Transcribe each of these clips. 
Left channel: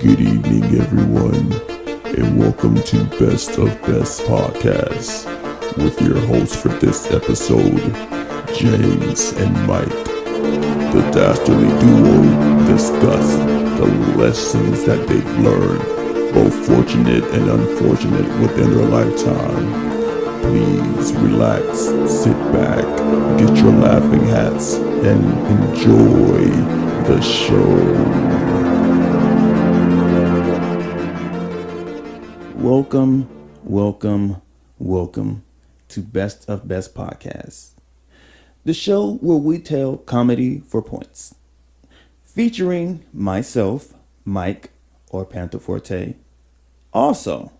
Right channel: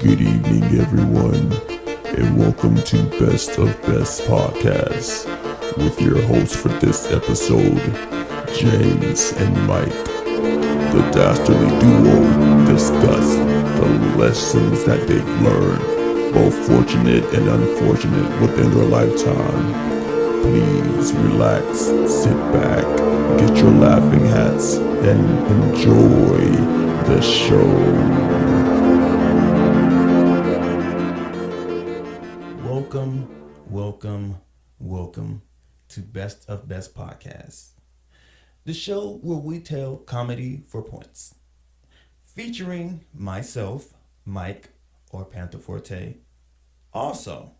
Good evening, everyone, and welcome to Best of Best Podcast with your hosts for this episode, James and Mike. The dastardly duo discuss the lessons that they've learned, both fortunate and unfortunate, within their lifetime. Please relax, sit back, get your laughing hats, and enjoy the show. Welcome to Best of Best Podcast, the show where we tell comedy for points, featuring myself, Mike or Panther Forte, also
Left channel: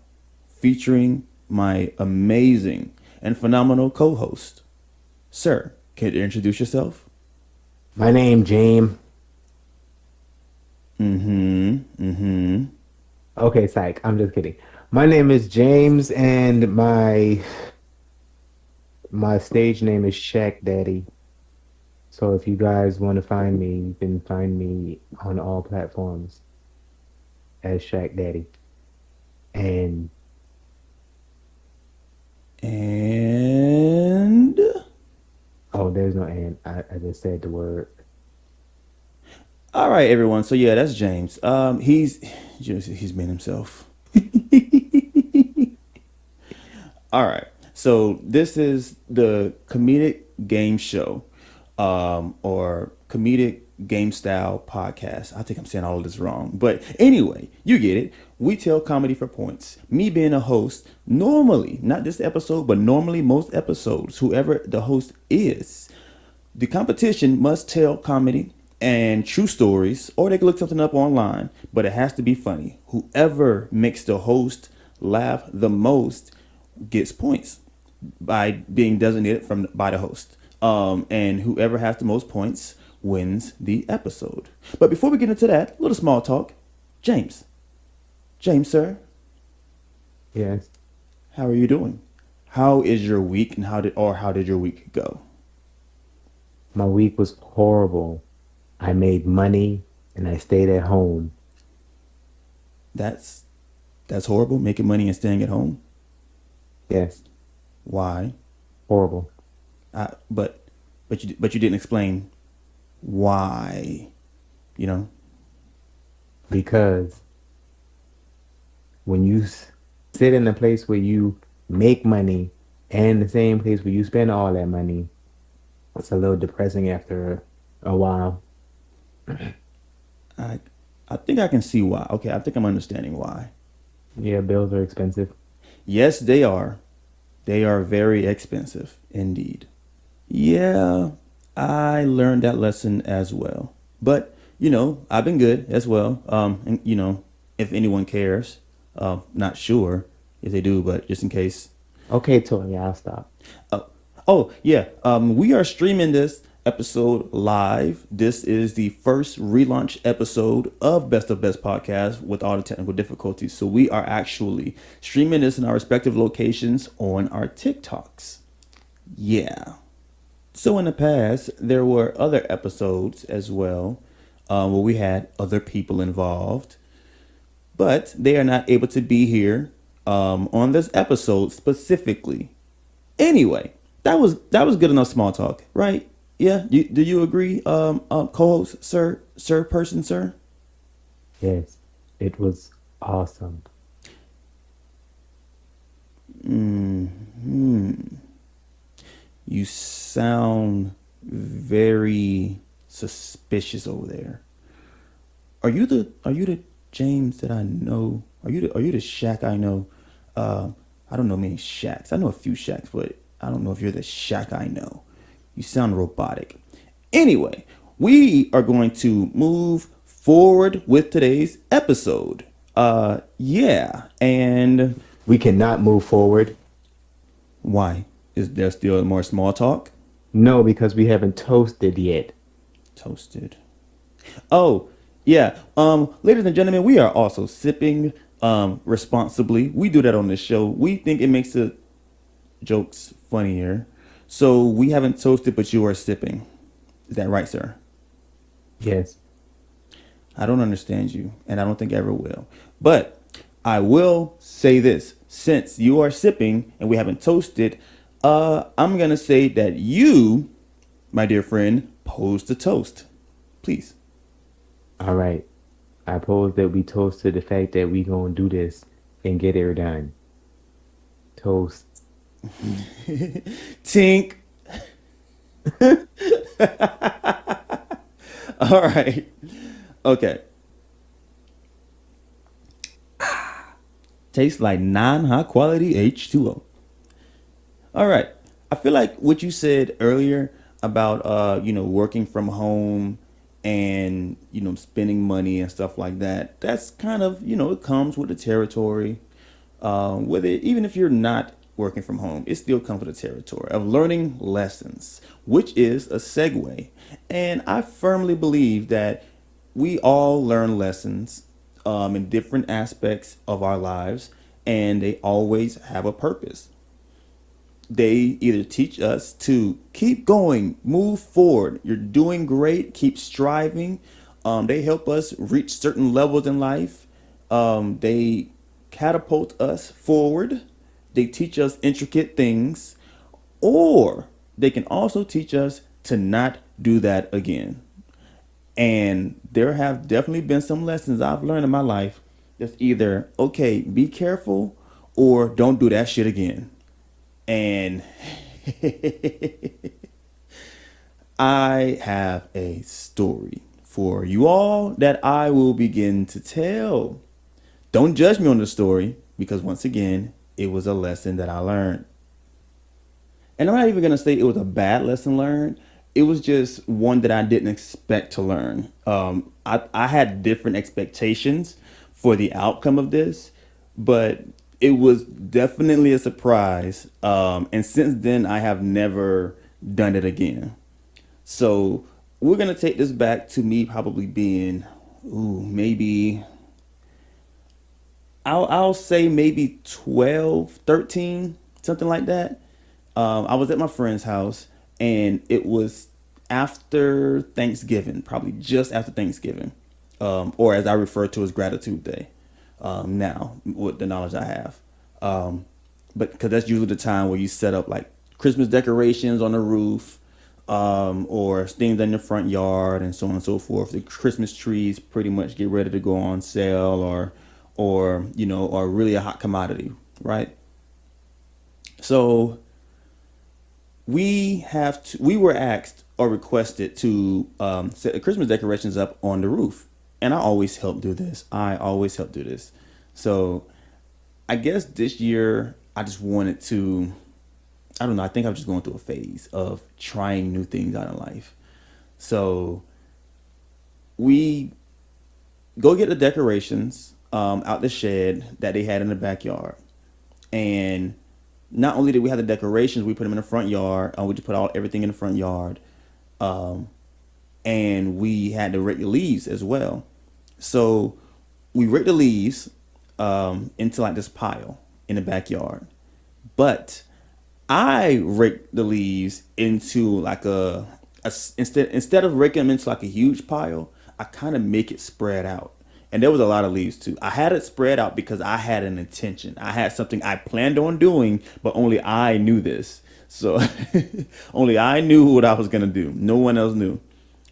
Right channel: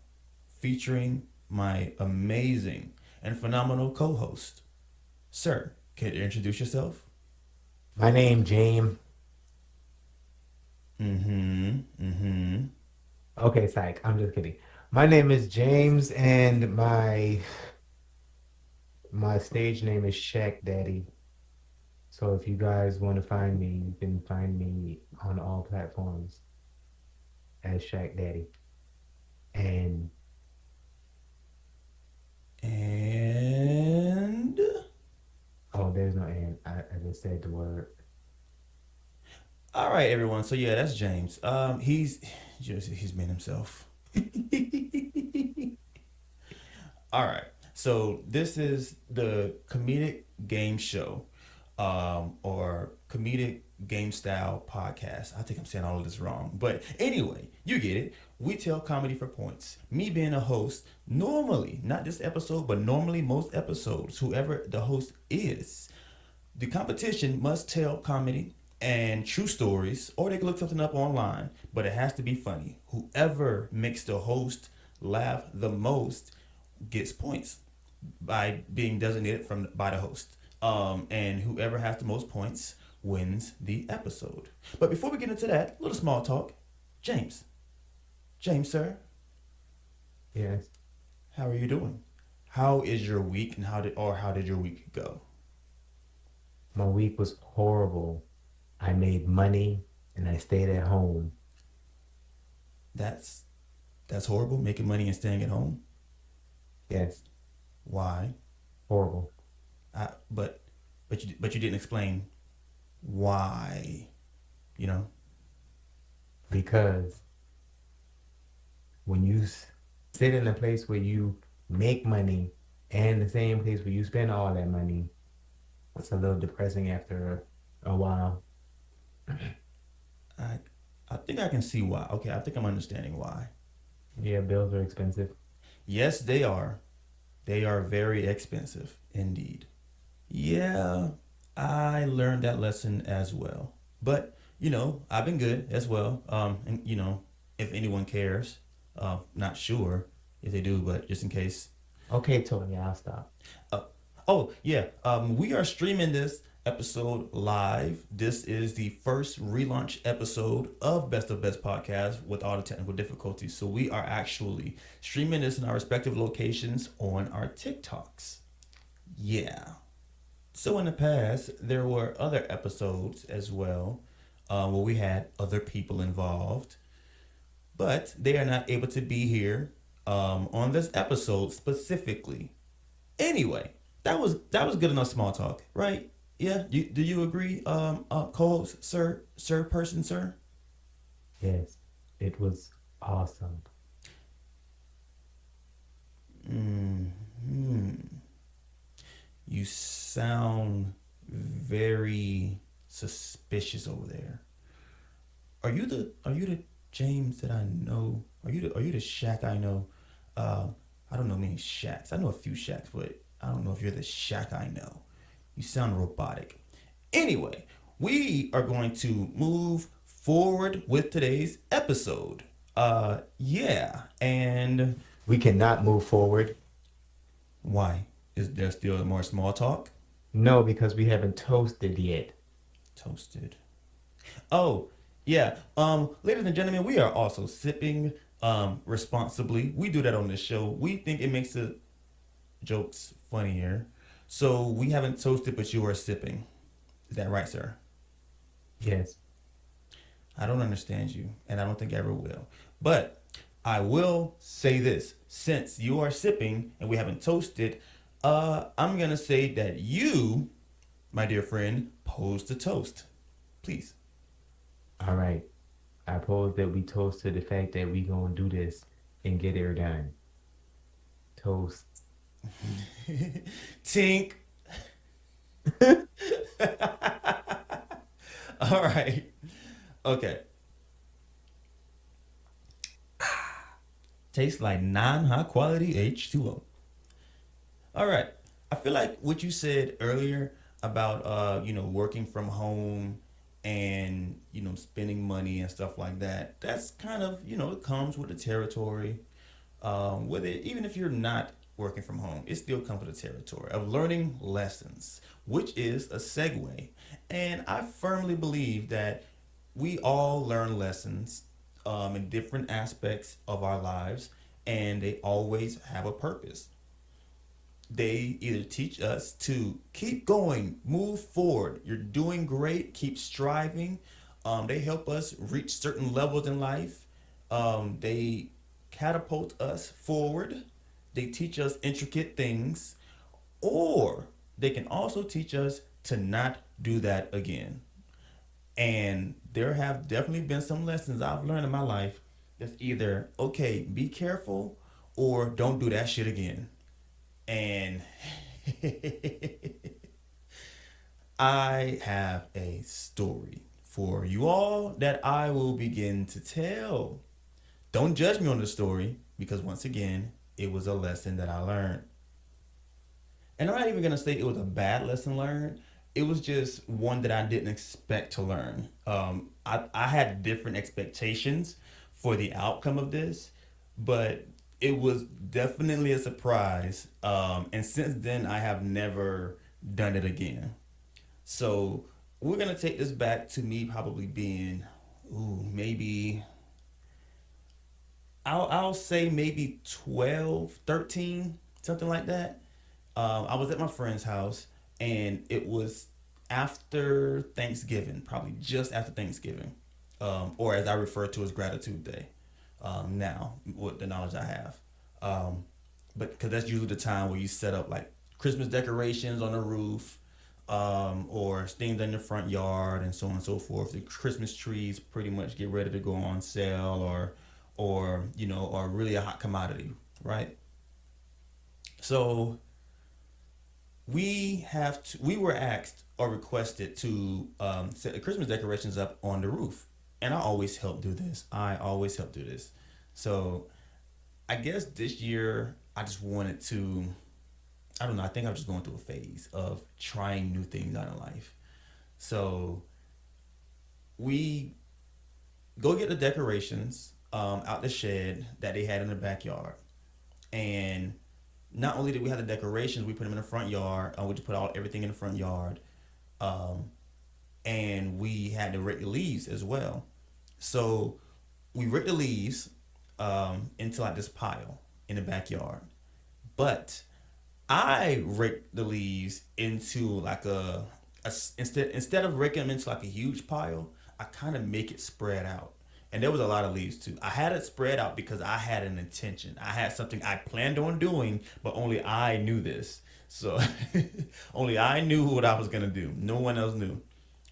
featuring my amazing and phenomenal co-host. Sir, can you introduce yourself? My name James. Okay, psych. I'm just kidding. My name is James, and my stage name is Shaq Daddy. So if you guys want to find me, you can find me on all platforms as Shaq Daddy. And And oh, there's no and. I just said the word. all right, everyone. So yeah, that's James. He's been himself. All right. So this is the comedic game show, or comedic game style podcast. I think I'm saying all of this wrong, but anyway, you get it. We tell comedy for points. Me being a host, normally, not this episode, but normally most episodes, whoever the host is, the competition must tell comedy and true stories, or they can look something up online, but it has to be funny. Whoever makes the host laugh the most gets points by being designated by the host. And whoever has the most points wins the episode. But before we get into that, a little small talk. James, sir, Yes. how are you doing? How is your week, and how did your week go? My week was horrible. I made money and I stayed at home. That's that's horrible. Making money and staying at home. Yes. Why? Horrible. I, but you didn't explain why. You know. Because when you sit in a place where you make money and the same place where you spend all that money, it's a little depressing after a while. I I think I can see why. Okay, I think I'm understanding why. Yeah, bills are expensive. Yes, they are. They are very expensive indeed. Yeah, I learned that lesson as well. But, I've been good as well. And if anyone cares, not sure if they do, but just in case. Okay, Tony, I'll stop. Oh, oh yeah. We are streaming this episode live. This is the first relaunch episode of Best of Best Podcast with all the technical difficulties. So we are actually streaming this in our respective locations on our TikToks. Yeah. So in the past, there were other episodes as well, where we had other people involved, but they are not able to be here on this episode specifically. Anyway, that was good enough small talk, right? Yeah. Do you agree, co-host, sir? Yes, it was awesome. You sound very suspicious over there. Are you the James that I know? Are you the Shaq I know? I don't know many Shaqs. I know a few Shaqs, but I don't know if you're the Shaq I know. You sound robotic. Anyway, we are going to move forward with today's episode. Yeah, and We cannot move forward. why? Is there still more small talk? No, because we haven't toasted yet. Toasted. Oh, yeah. Ladies and gentlemen, we are also sipping responsibly. We do that on this show. We think it makes the jokes funnier. So we haven't toasted, but you are sipping. Is that right, sir? Yes. I don't understand you, and I don't think I ever will. But I will say this: since you are sipping and we haven't toasted, I'm gonna say that you, my dear friend, pose the toast, please. All right. I pose that we toast to the fact that we gonna do this and get it done. Toast. Tink. All right. Okay. Tastes like non-high quality H2O. All right. I feel like what you said earlier about working from home and spending money and stuff like that. That's kind of it comes with the territory. With it, even if you're not working from home, it still comes with the territory of learning lessons, which is a segue. And I firmly believe that we all learn lessons in different aspects of our lives, and they always have a purpose. They either teach us to keep going, move forward. You're doing great, keep striving. They help us reach certain levels in life. They catapult us forward. They teach us intricate things, or they can also teach us to not do that again. And there have definitely been some lessons I've learned in my life that's either, okay, be careful, or don't do that shit again. And I have a story for you all that I will begin to tell. Don't judge me on the story because, once again, it was a lesson that I learned. And I'm not even going to say it was a bad lesson learned. It was just one that I didn't expect to learn. I had different expectations for the outcome of this, but it was definitely a surprise. And since then, I have never done it again. So we're going to take this back to me probably being, maybe, I'll say maybe 12, 13, something like that. I was at my friend's house, and it was after Thanksgiving, probably just after Thanksgiving, or as I refer to as Gratitude Day. Now, with the knowledge I have, but because that's usually the time where you set up like Christmas decorations on the roof, or things in the front yard, and so on and so forth. The Christmas trees pretty much get ready to go on sale, or really a hot commodity, right? So we were asked or requested to set the Christmas decorations up on the roof. And I always help do this. So I guess this year I just wanted to, I don't know, I think I was just going through a phase of trying new things out in life. So we go get the decorations out the shed that they had in the backyard. And not only did we have the decorations, we put them in the front yard. We just put everything in the front yard. And we had to rake the leaves as well. So we raked the leaves into like this pile in the backyard. But I raked the leaves into like instead of raking them into like a huge pile, I kind of make it spread out. And there was a lot of leaves too. I had it spread out because I had an intention. I had something I planned on doing, but only I knew this. So only I knew what I was going to do. No one else knew.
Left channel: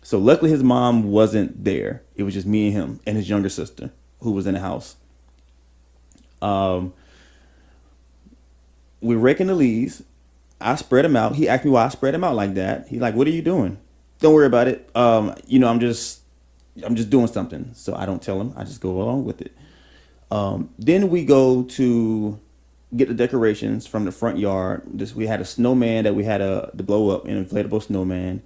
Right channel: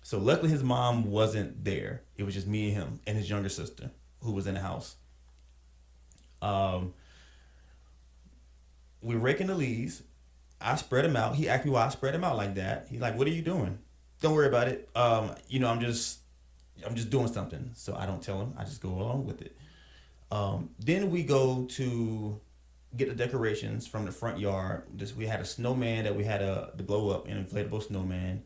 So luckily his mom wasn't there. It was just me and him and his younger sister who was in the house. We're raking the leaves. I spread them out. He asked me why I spread them out like that. He's like, "What are you doing?" Don't worry about it. I'm just doing something. So I don't tell him. I just go along with it. Then we go to get the decorations from the front yard. We had a snowman that we had to blow up, an inflatable snowman.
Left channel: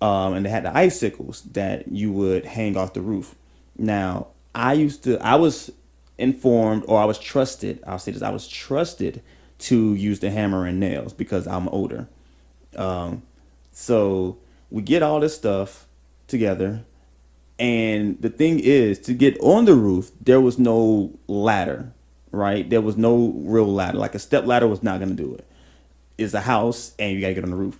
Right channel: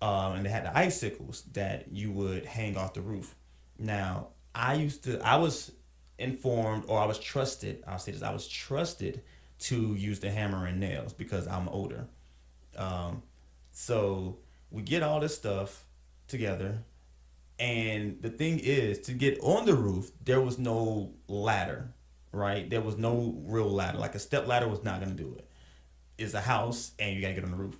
And they had the icicles that you would hang off the roof. Now, I was informed, or I was trusted, I'll say this, I was trusted to use the hammer and nails because I'm older. So we get all this stuff together. And the thing is, to get on the roof, there was no ladder, right? There was no real ladder. Like a step ladder was not going to do it. It's a house, and you got to get on the roof.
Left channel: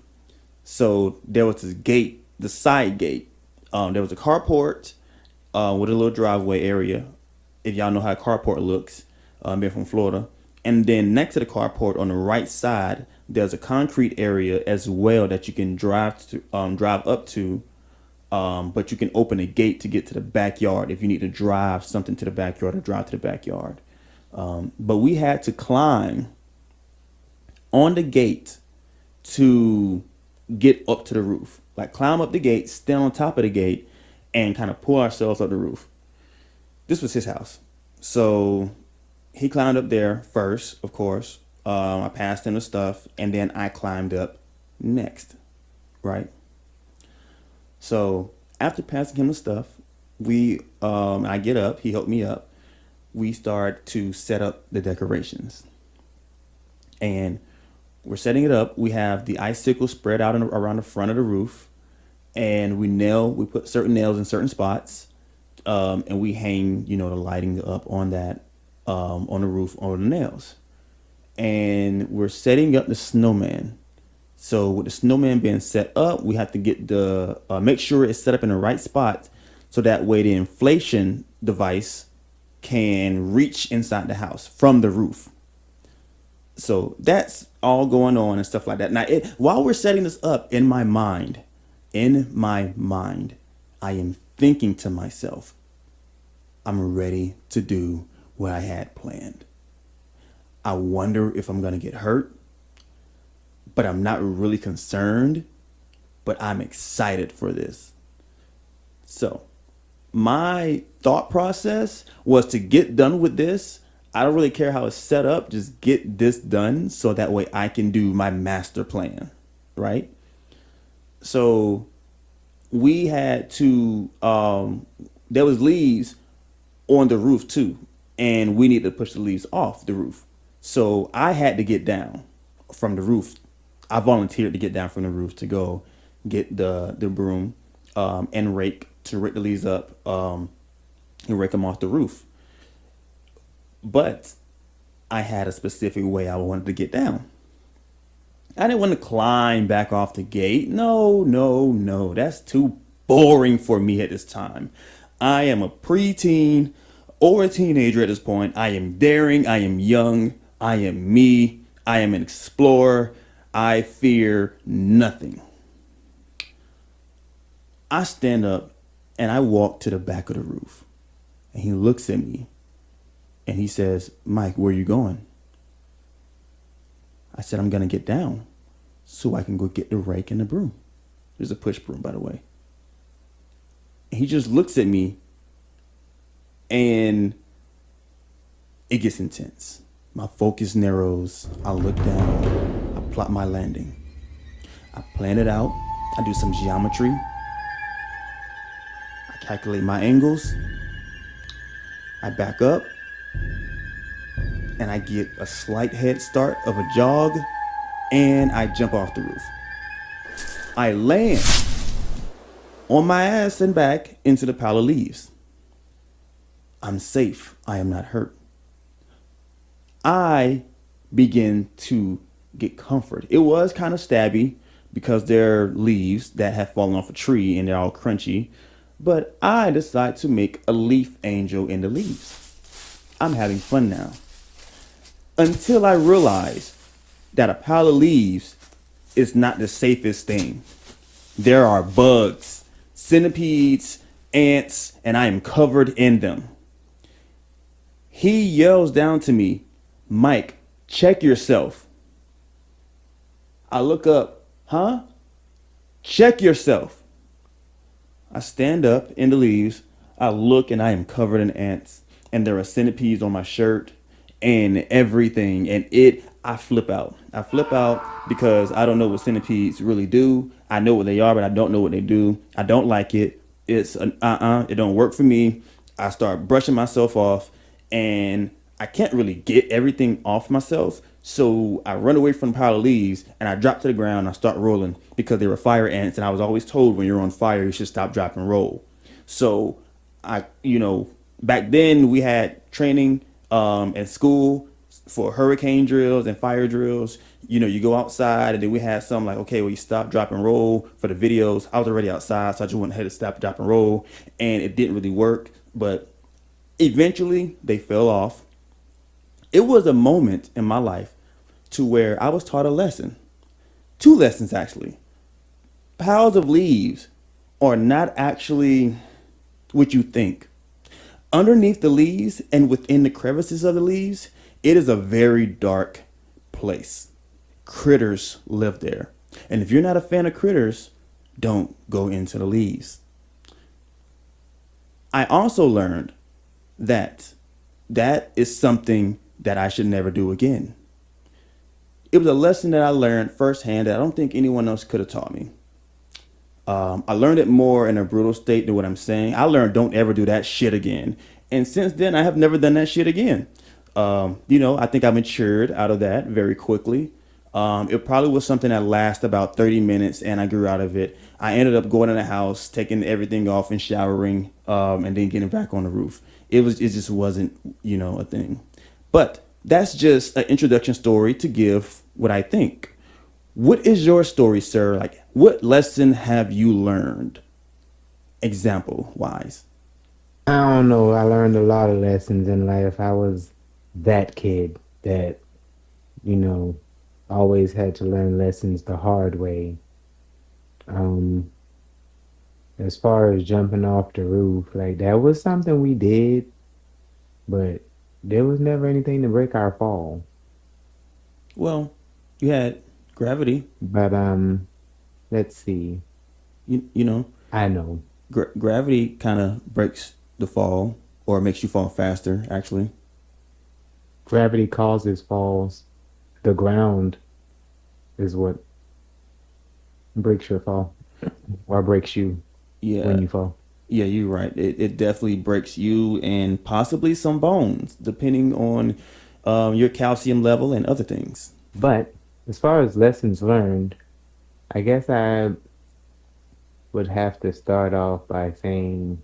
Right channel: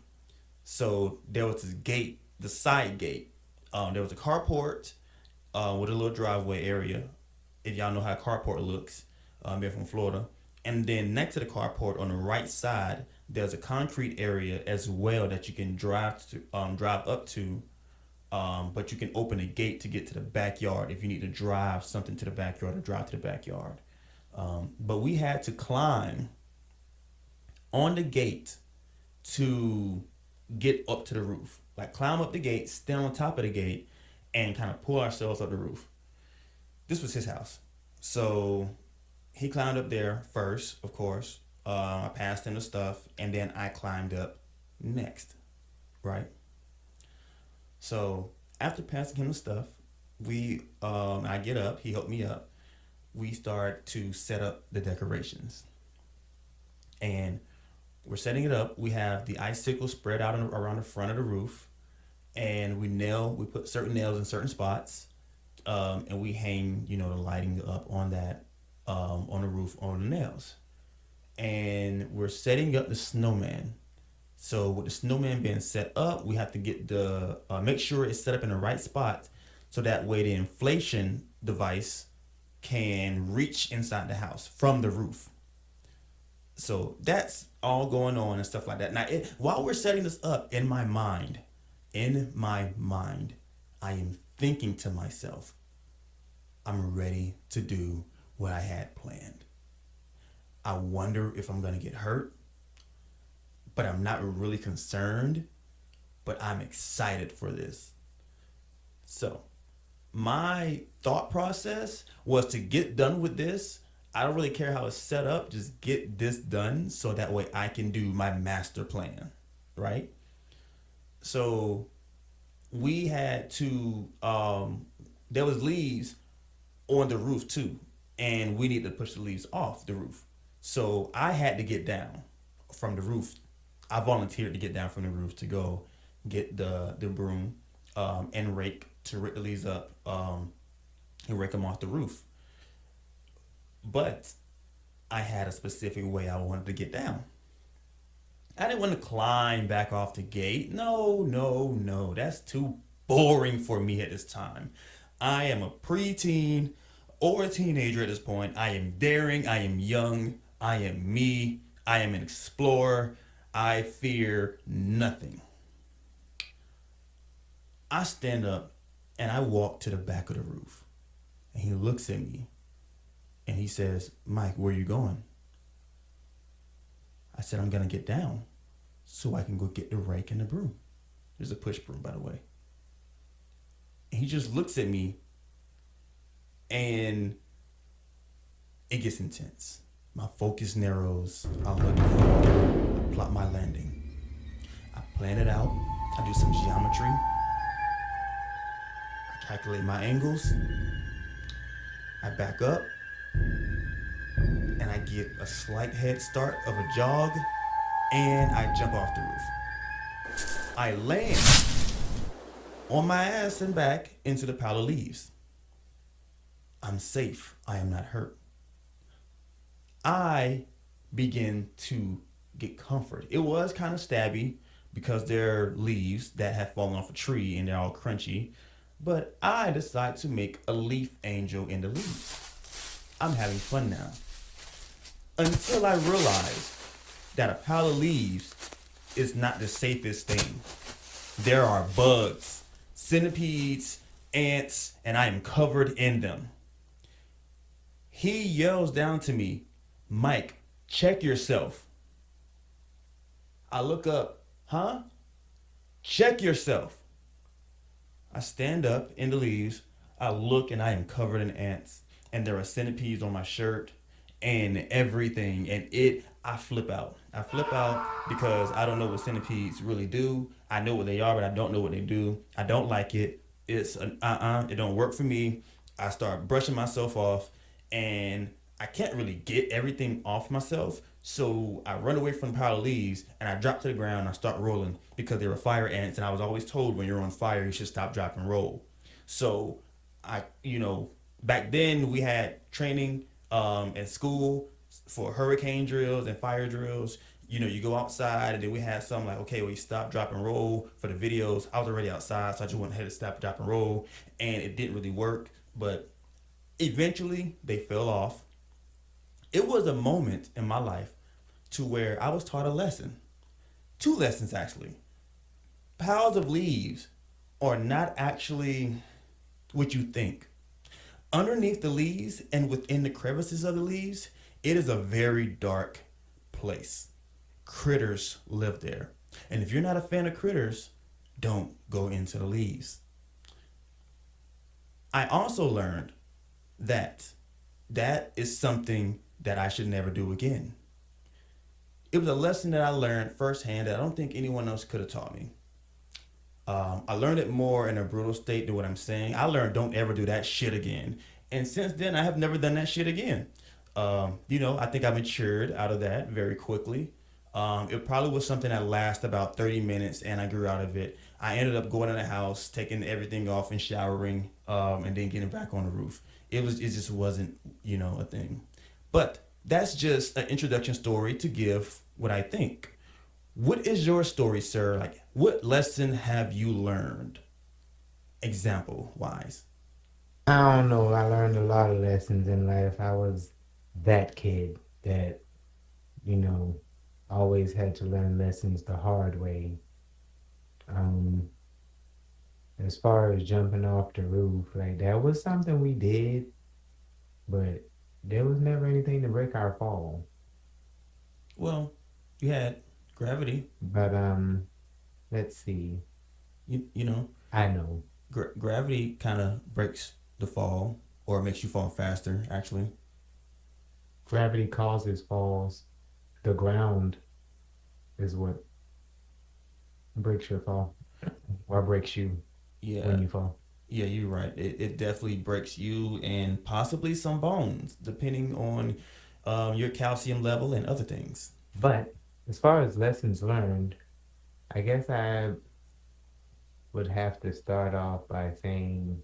So there was this gate, the side gate. There was a carport, with a little driveway area. If y'all know how a carport looks, being from Florida. And then next to the carport on the right side, there's a concrete area as well that you can drive up to. But you can open a gate to get to the backyard if you need to drive something to the backyard or drive to the backyard. But we had to climb on the gate to get up to the roof. Like climb up the gate, stand on top of the gate, and kind of pull ourselves up the roof. This was his house. So he climbed up there first, of course. I passed him the stuff, and then I climbed up next, right? So after passing him the stuff, I get up, he helped me up. We start to set up the decorations. And we're setting it up. We have the icicles spread out around the front of the roof. And we put certain nails in certain spots. And we hang, the lighting up on that, on the roof, on the nails. And we're setting up the snowman. So with the snowman being set up, we have to get make sure it's set up in the right spot, so that way the inflation device can reach inside the house from the roof. So that's all going on and stuff like that. Now, while we're setting this up, in my mind, I am thinking to myself, I'm ready to do what I had planned. I wonder if I'm going to get hurt, but I'm not really concerned, but I'm excited for this. So my thought process was to get done with this. I don't really care how it's set up. Just get this done so that way I can do my master plan, right? So we had to, there was leaves on the roof too, and we needed to push the leaves off the roof. So I had to get down from the roof. I volunteered to get down from the roof to go get the broom and rake the leaves up and rake them off the roof. But I had a specific way I wanted to get down. I didn't want to climb back off the gate. No. That's too boring for me at this time. I am a preteen or a teenager at this point. I am daring. I am young. I am me. I am an explorer. I fear nothing. I stand up and I walk to the back of the roof. And he looks at me and he says, Mike, where are you going? I said, I'm going to get down so I can go get the rake and the broom. There's a push broom, by the way. And he just looks at me and it gets intense. My focus narrows. I look down. I plot my landing. I plan it out. I do some geometry. I calculate my angles. I back up. And I get a slight head start of a jog. And I jump off the roof. I land on my ass and back into the pile of leaves. I'm safe. I am not hurt. I begin to get comfort. It was kind of stabby because they're leaves that have fallen off a tree and they're all crunchy. But I decide to make a leaf angel in the leaves. I'm having fun now. Until I realize that a pile of leaves is not the safest thing. There are bugs, centipedes, ants, and I am covered in them. He yells down to me, Mike, check yourself. I look up, huh? Check yourself. I stand up in the leaves. I look and I am covered in ants. And there are centipedes on my shirt and everything. And I flip out. I flip out because I don't know what centipedes really do. I know what they are, but I don't know what they do. I don't like it. It's it don't work for me. I start brushing myself off and I can't really get everything off myself. So I run away from the pile of leaves and I drop to the ground and I start rolling because they were fire ants. And I was always told when you're on fire, you should stop, drop, and roll. So back then we had training at school. for hurricane drills and fire drills, you go outside, and then we had some like, okay, well, you stop, drop, and roll for the videos. I was already outside, so I just went ahead and stop, drop, and roll, and it didn't really work. But eventually, they fell off. It was a moment in my life to where I was taught a lesson, two lessons actually. Piles of leaves are not actually what you think. Underneath the leaves and within the crevices of the leaves, it is a very dark place. Critters live there. And if you're not a fan of critters, don't go into the leaves. I also learned that that is something that I should never do again. It was a lesson that I learned firsthand that I don't think anyone else could have taught me. I learned it more in a brutal state than what I'm saying. I learned don't ever do that shit again. And since then, I have never done that shit again. I think I matured out of that very quickly. It probably was something that lasted about 30 minutes and I grew out of it. I ended up going in the house, taking everything off and showering, and then getting back on the roof. It just wasn't, a thing. But that's just an introduction story to give what I think. What is your story, sir? Like, what lesson have you learned? Example wise. I don't know. I learned a lot of lessons in life. I was that kid that, you know, always had to learn lessons the hard way. Um, as far as jumping off the roof, like that was something we did, but there was never anything to break our fall. Well, you had gravity. But let's see. You know, I know. gravity kind of breaks the fall or makes you fall faster, actually. Gravity causes falls. The ground is what breaks your fall or breaks you Yeah, when you fall. yeah, you're right. It definitely breaks you and possibly some bones, depending on your calcium level and other things. But as far as lessons learned, I guess I would have to start off by saying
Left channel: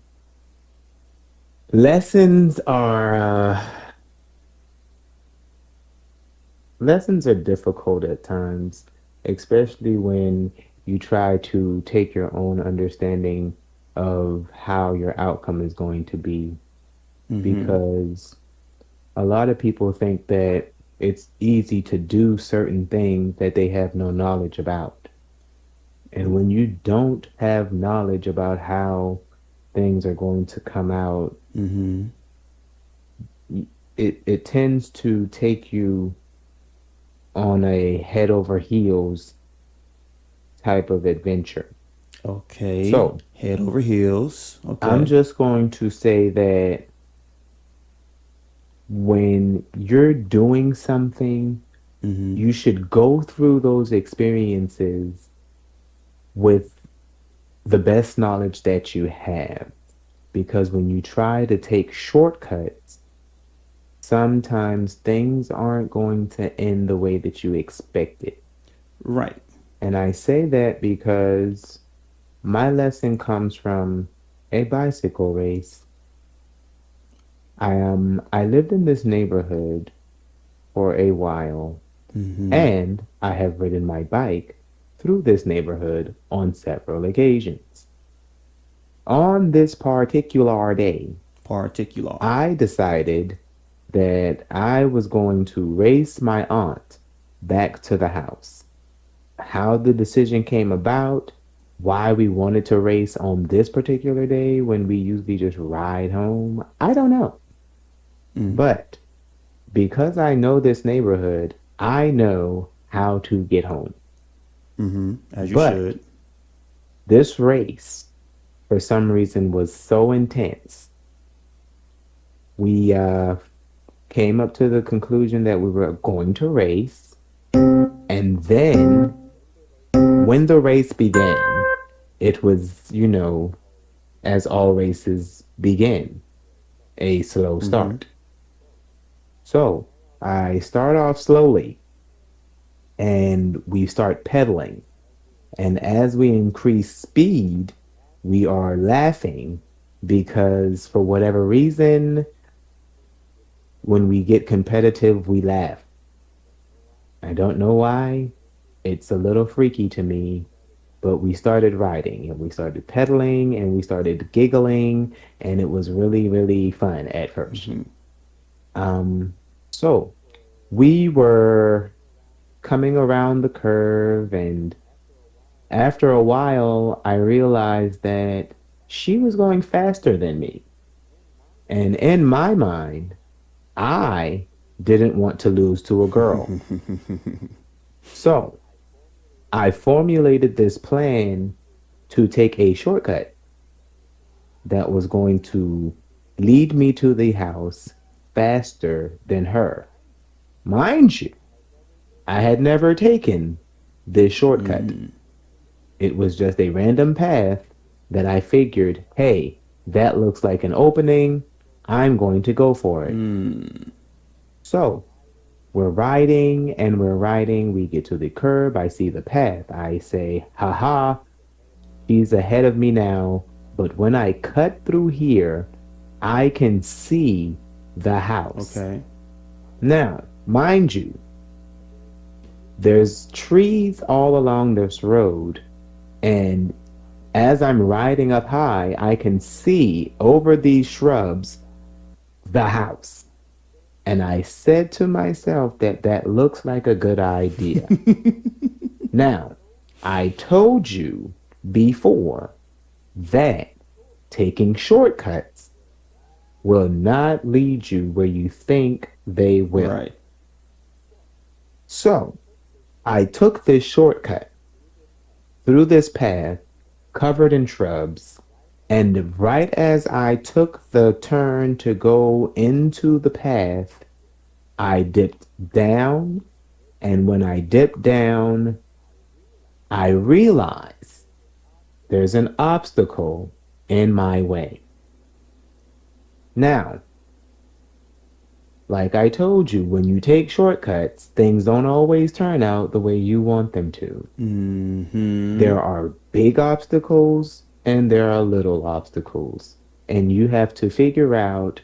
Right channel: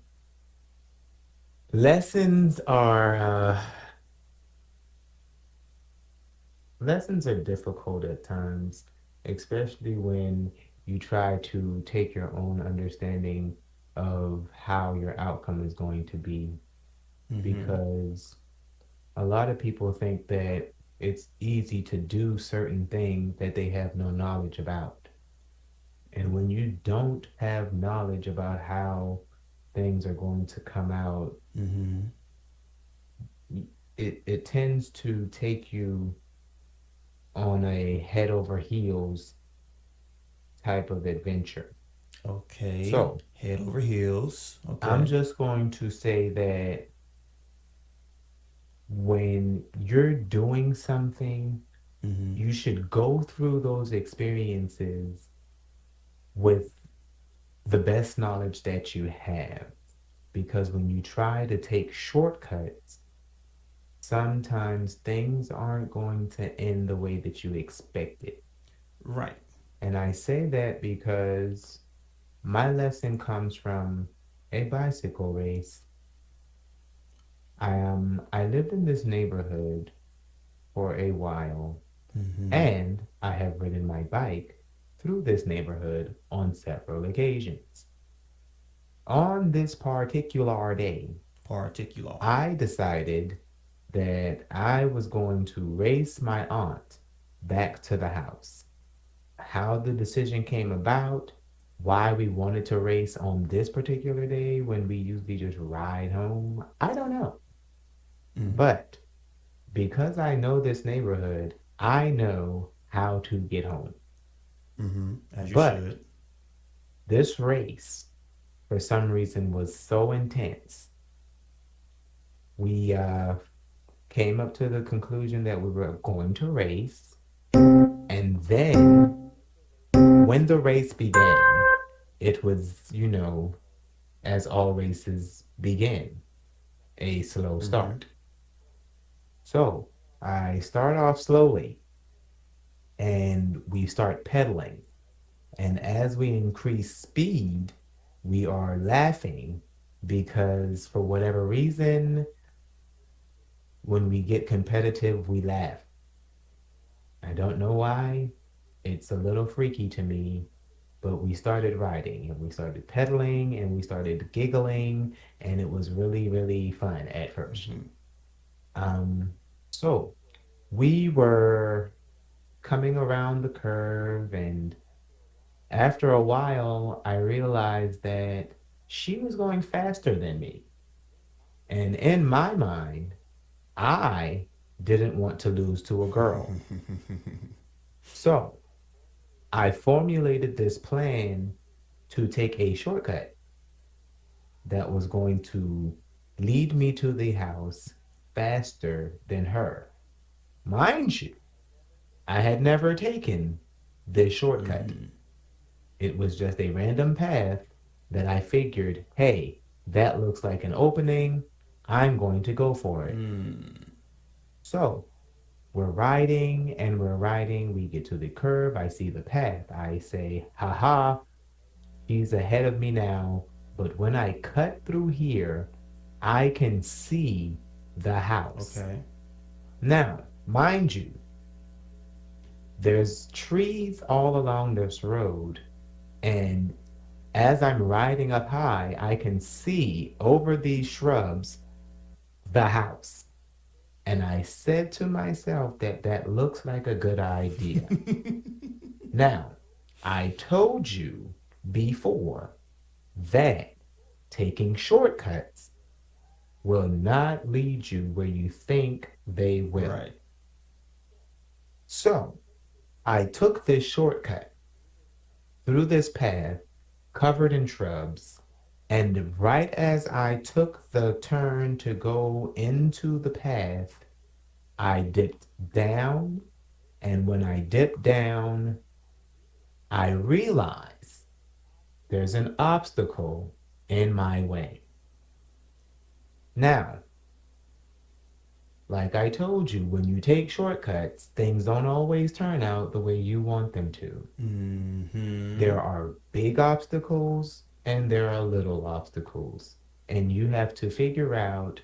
lessons are lessons are difficult at times, especially when you try to take your own understanding of how your outcome is going to be, Mm-hmm. because a lot of people think that it's easy to do certain things that they have no knowledge about. And when you don't have knowledge about how things are going to come out, Mm-hmm. it tends to take you on a head over heels type of adventure. Okay. So Head over heels. I'm Okay. just going to say that when you're doing something, Mm-hmm. you should go through those experiences with the best knowledge that you have. Because when you try to take shortcuts, sometimes things aren't going to end the way that you expected. Right. And I say that because my lesson comes from a bicycle race. I lived in this neighborhood for a while, Mm-hmm. and I have ridden my bike through this neighborhood on several occasions. On this particular day, Particular. I decided that I was going to race my aunt back to the house. How the decision came about, why we wanted to race on this particular day when we usually just ride home, I don't know. Mm. But because I know this neighborhood, I know how to get home. Mm-hmm. As you But should. this race, for some reason, was so intense. We came up to the conclusion that we were going to race. And then when the race began, it was, as all races begin, a slow Mm-hmm. start. So I start off slowly and we start pedaling. And as we increase speed, we are laughing because for whatever reason, when we get competitive, we laugh. I don't know why. It's a little freaky to me, but we started riding and we started pedaling and we started giggling, and it was really, really fun at first. Hmm. Um, so we were coming around the curve, and after a while, I realized that she was going faster than me. And in my mind, I didn't want to lose to a girl. So I formulated this plan to take a shortcut that was going to lead me to the house faster than her. Mind you, I had never taken this shortcut. It was just a random path that I figured, hey, that looks like an opening. I'm going to go for it. So we're riding and we're riding. We get to the curb. I see the path. I say, haha, she's ahead of me now. But when I cut through here, I can see the house. Okay. Now, mind you, there's trees all along this road, and as I'm riding up high, I can see over these shrubs the house. And I said to myself that that looks like a good idea. Now, I told you before that taking shortcuts will not lead you where you think they will. Right. So I took this shortcut through this path covered in shrubs, and right as I took the turn to go into the path, I dipped down, and when I dipped down, I realized there's an obstacle in my way. Now, like I told you, when you take shortcuts, things don't always turn out the way you want them to. There are big obstacles and there are little obstacles, and you have to figure out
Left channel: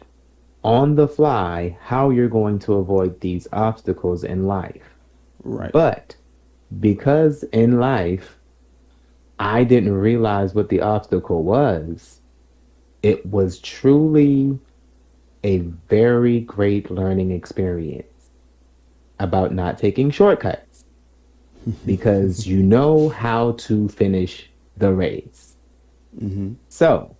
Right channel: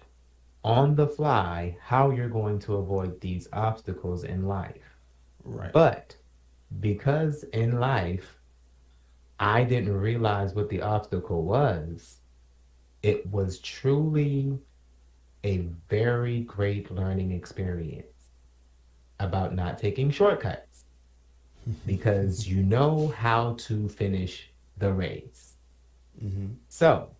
on the fly how you're going to avoid these obstacles in life. Right. But because in life, I didn't realize what the obstacle was, it was truly a very great learning experience about not taking shortcuts because you know how to finish the race. So,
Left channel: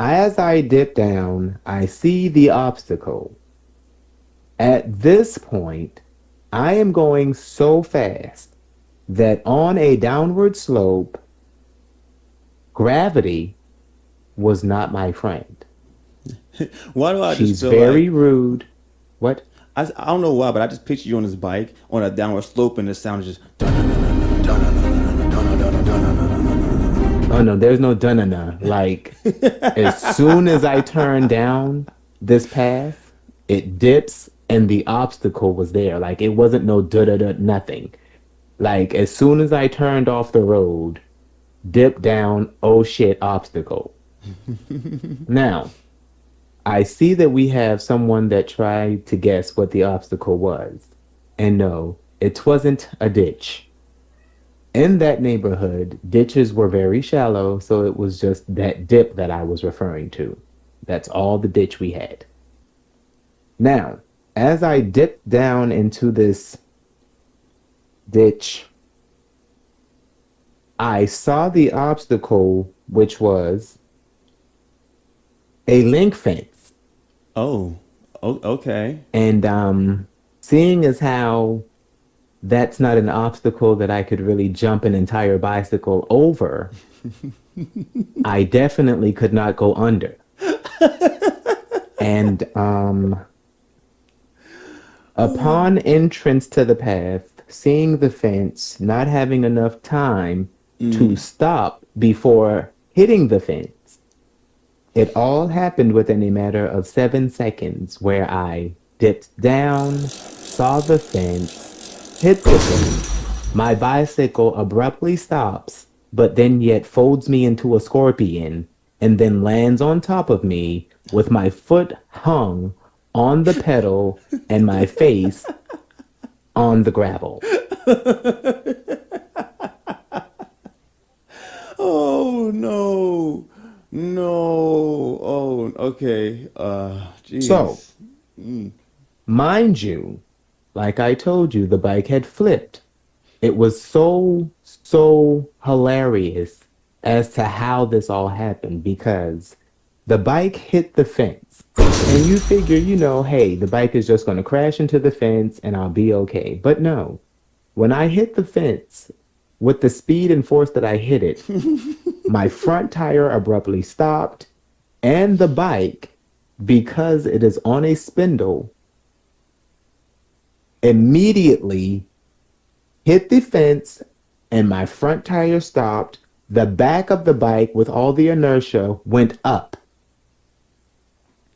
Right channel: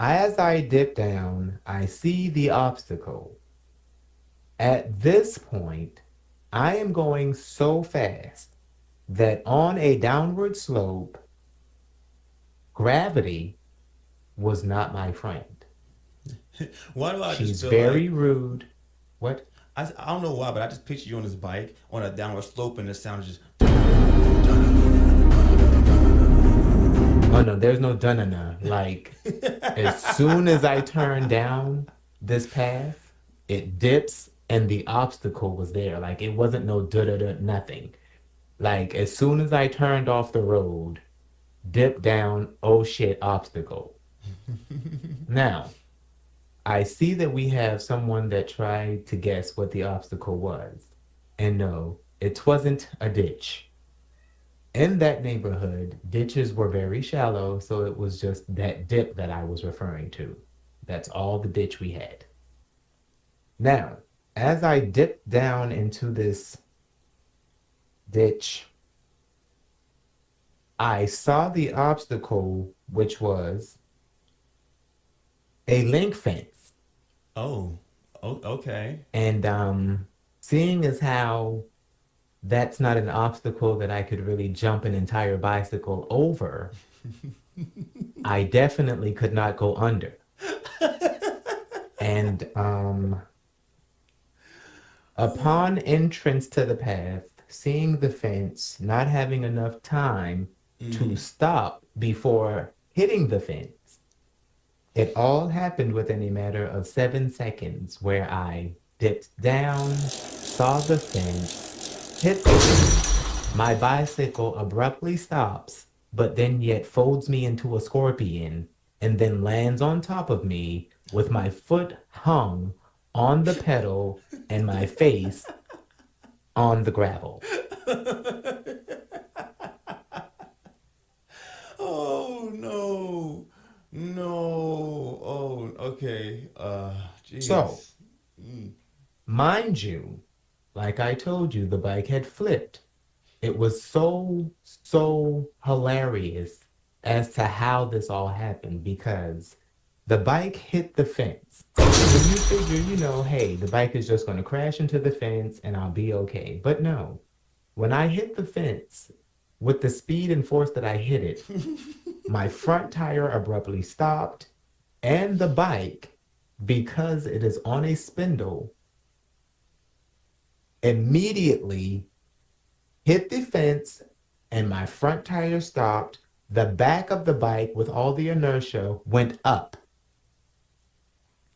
as I dip down, I see the obstacle. At this point, I am going so fast that on a downward slope, gravity was not my friend. Why do I just She's feel very like rude. What? I don't know why, but I just picture you on this bike on a downward slope, and the sound is just. Oh no, there's no dun-na-na. Like, as soon as I turn down this path, it dips and the obstacle was there. Like, it wasn't no da-da-da, nothing. Like, as soon as I turned off the road, dip down, oh shit, obstacle. Now, I see that we have someone that tried to guess what the obstacle was. And no, it wasn't a ditch. In that neighborhood, ditches were very shallow, so it was just that dip that I was referring to. That's all the ditch we had. Now, as I dipped down into this ditch, I saw the obstacle, which was a link fence. Oh, okay. And seeing as how that's not an obstacle that I could really jump an entire bicycle over, I definitely could not go under. And upon entrance to the path, seeing the fence, not having enough time to stop before hitting the fence, it all happened within a matter of 7 seconds where I dipped down, saw the fence, hit the fence. My bicycle abruptly stops, but then yet folds me into a scorpion and then lands on top of me with my foot hung on the pedal and my face on the gravel. Oh no. No. Oh, okay. So, Jeez. mind you, like I told you, the bike had flipped. It was so hilarious as to how this all happened because the bike hit the fence. And you figure, hey, the bike is just going to crash into the fence and I'll be okay. But no, when I hit the fence with the speed and force that I hit it, my front tire abruptly stopped and the bike, because it is on a spindle, immediately hit the fence and my front tire stopped. The back of the bike with all the inertia went up.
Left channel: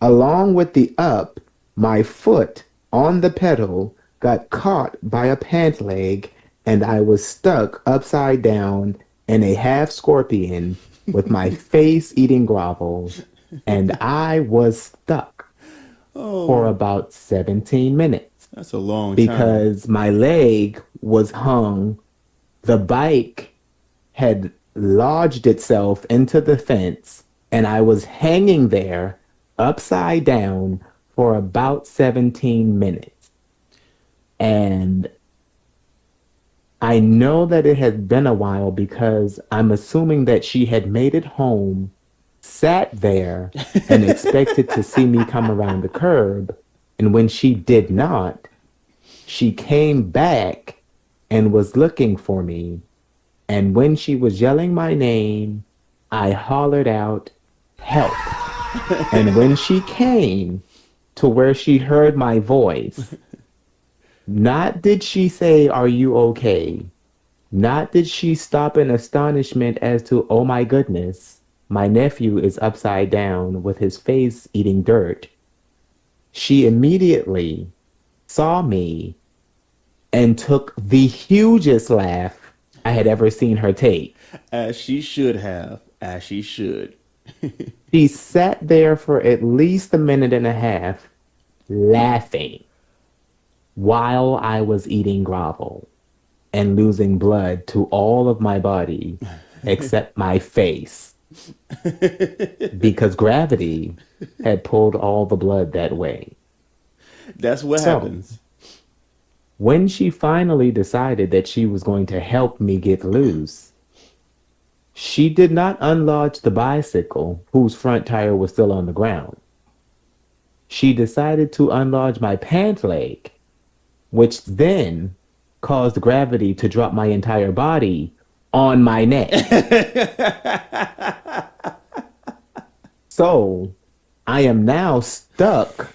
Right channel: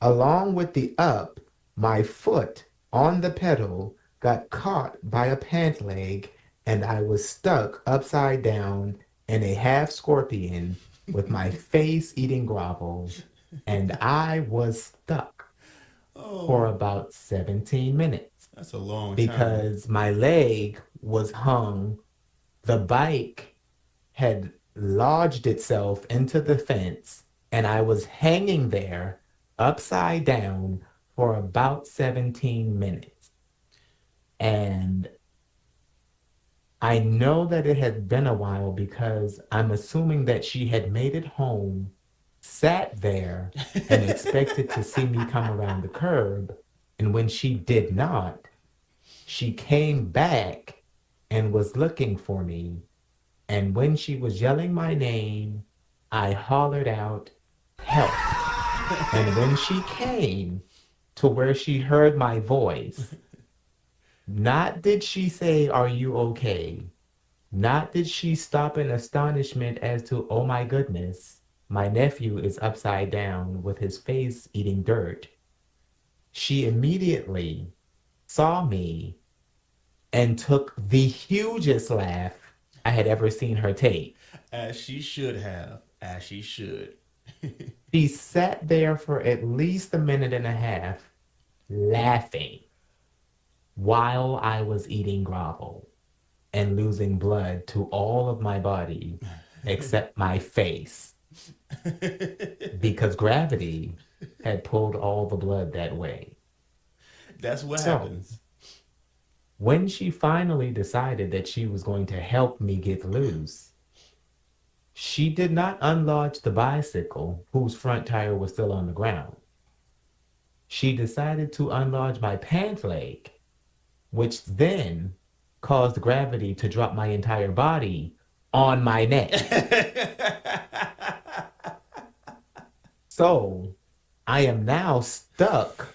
Along with the up, my foot on the pedal got caught by a pant leg and I was stuck upside down in a half scorpion with my face eating gravel and I was stuck for Oh, about 17 minutes that's a long time. because my leg was hung. The bike had lodged itself into the fence, and I was hanging there upside down for about 17 minutes. And I know that it had been a while because I'm assuming that she had made it home, sat there, and expected to see me come around the curb. And when she did not, she came back and was looking for me. And when she was yelling my name, I hollered out, help. And when she came to where she heard my voice, not did she say, are you okay? Not did she stop in astonishment as to, oh my goodness, my nephew is upside down with his face eating dirt. She immediately saw me and took the hugest laugh I had ever seen her take. As she should have. As she should. She sat there for at least a minute and a half laughing while I was eating grovel and losing blood to all of my body except my face because gravity had pulled all the blood that way. That's what So, happens. when she finally decided that she was going to help me get loose, she did not unlodge the bicycle whose front tire was still on the ground. She decided to unlodge my pant leg, which then caused gravity to drop my entire body on my neck. So I am now stuck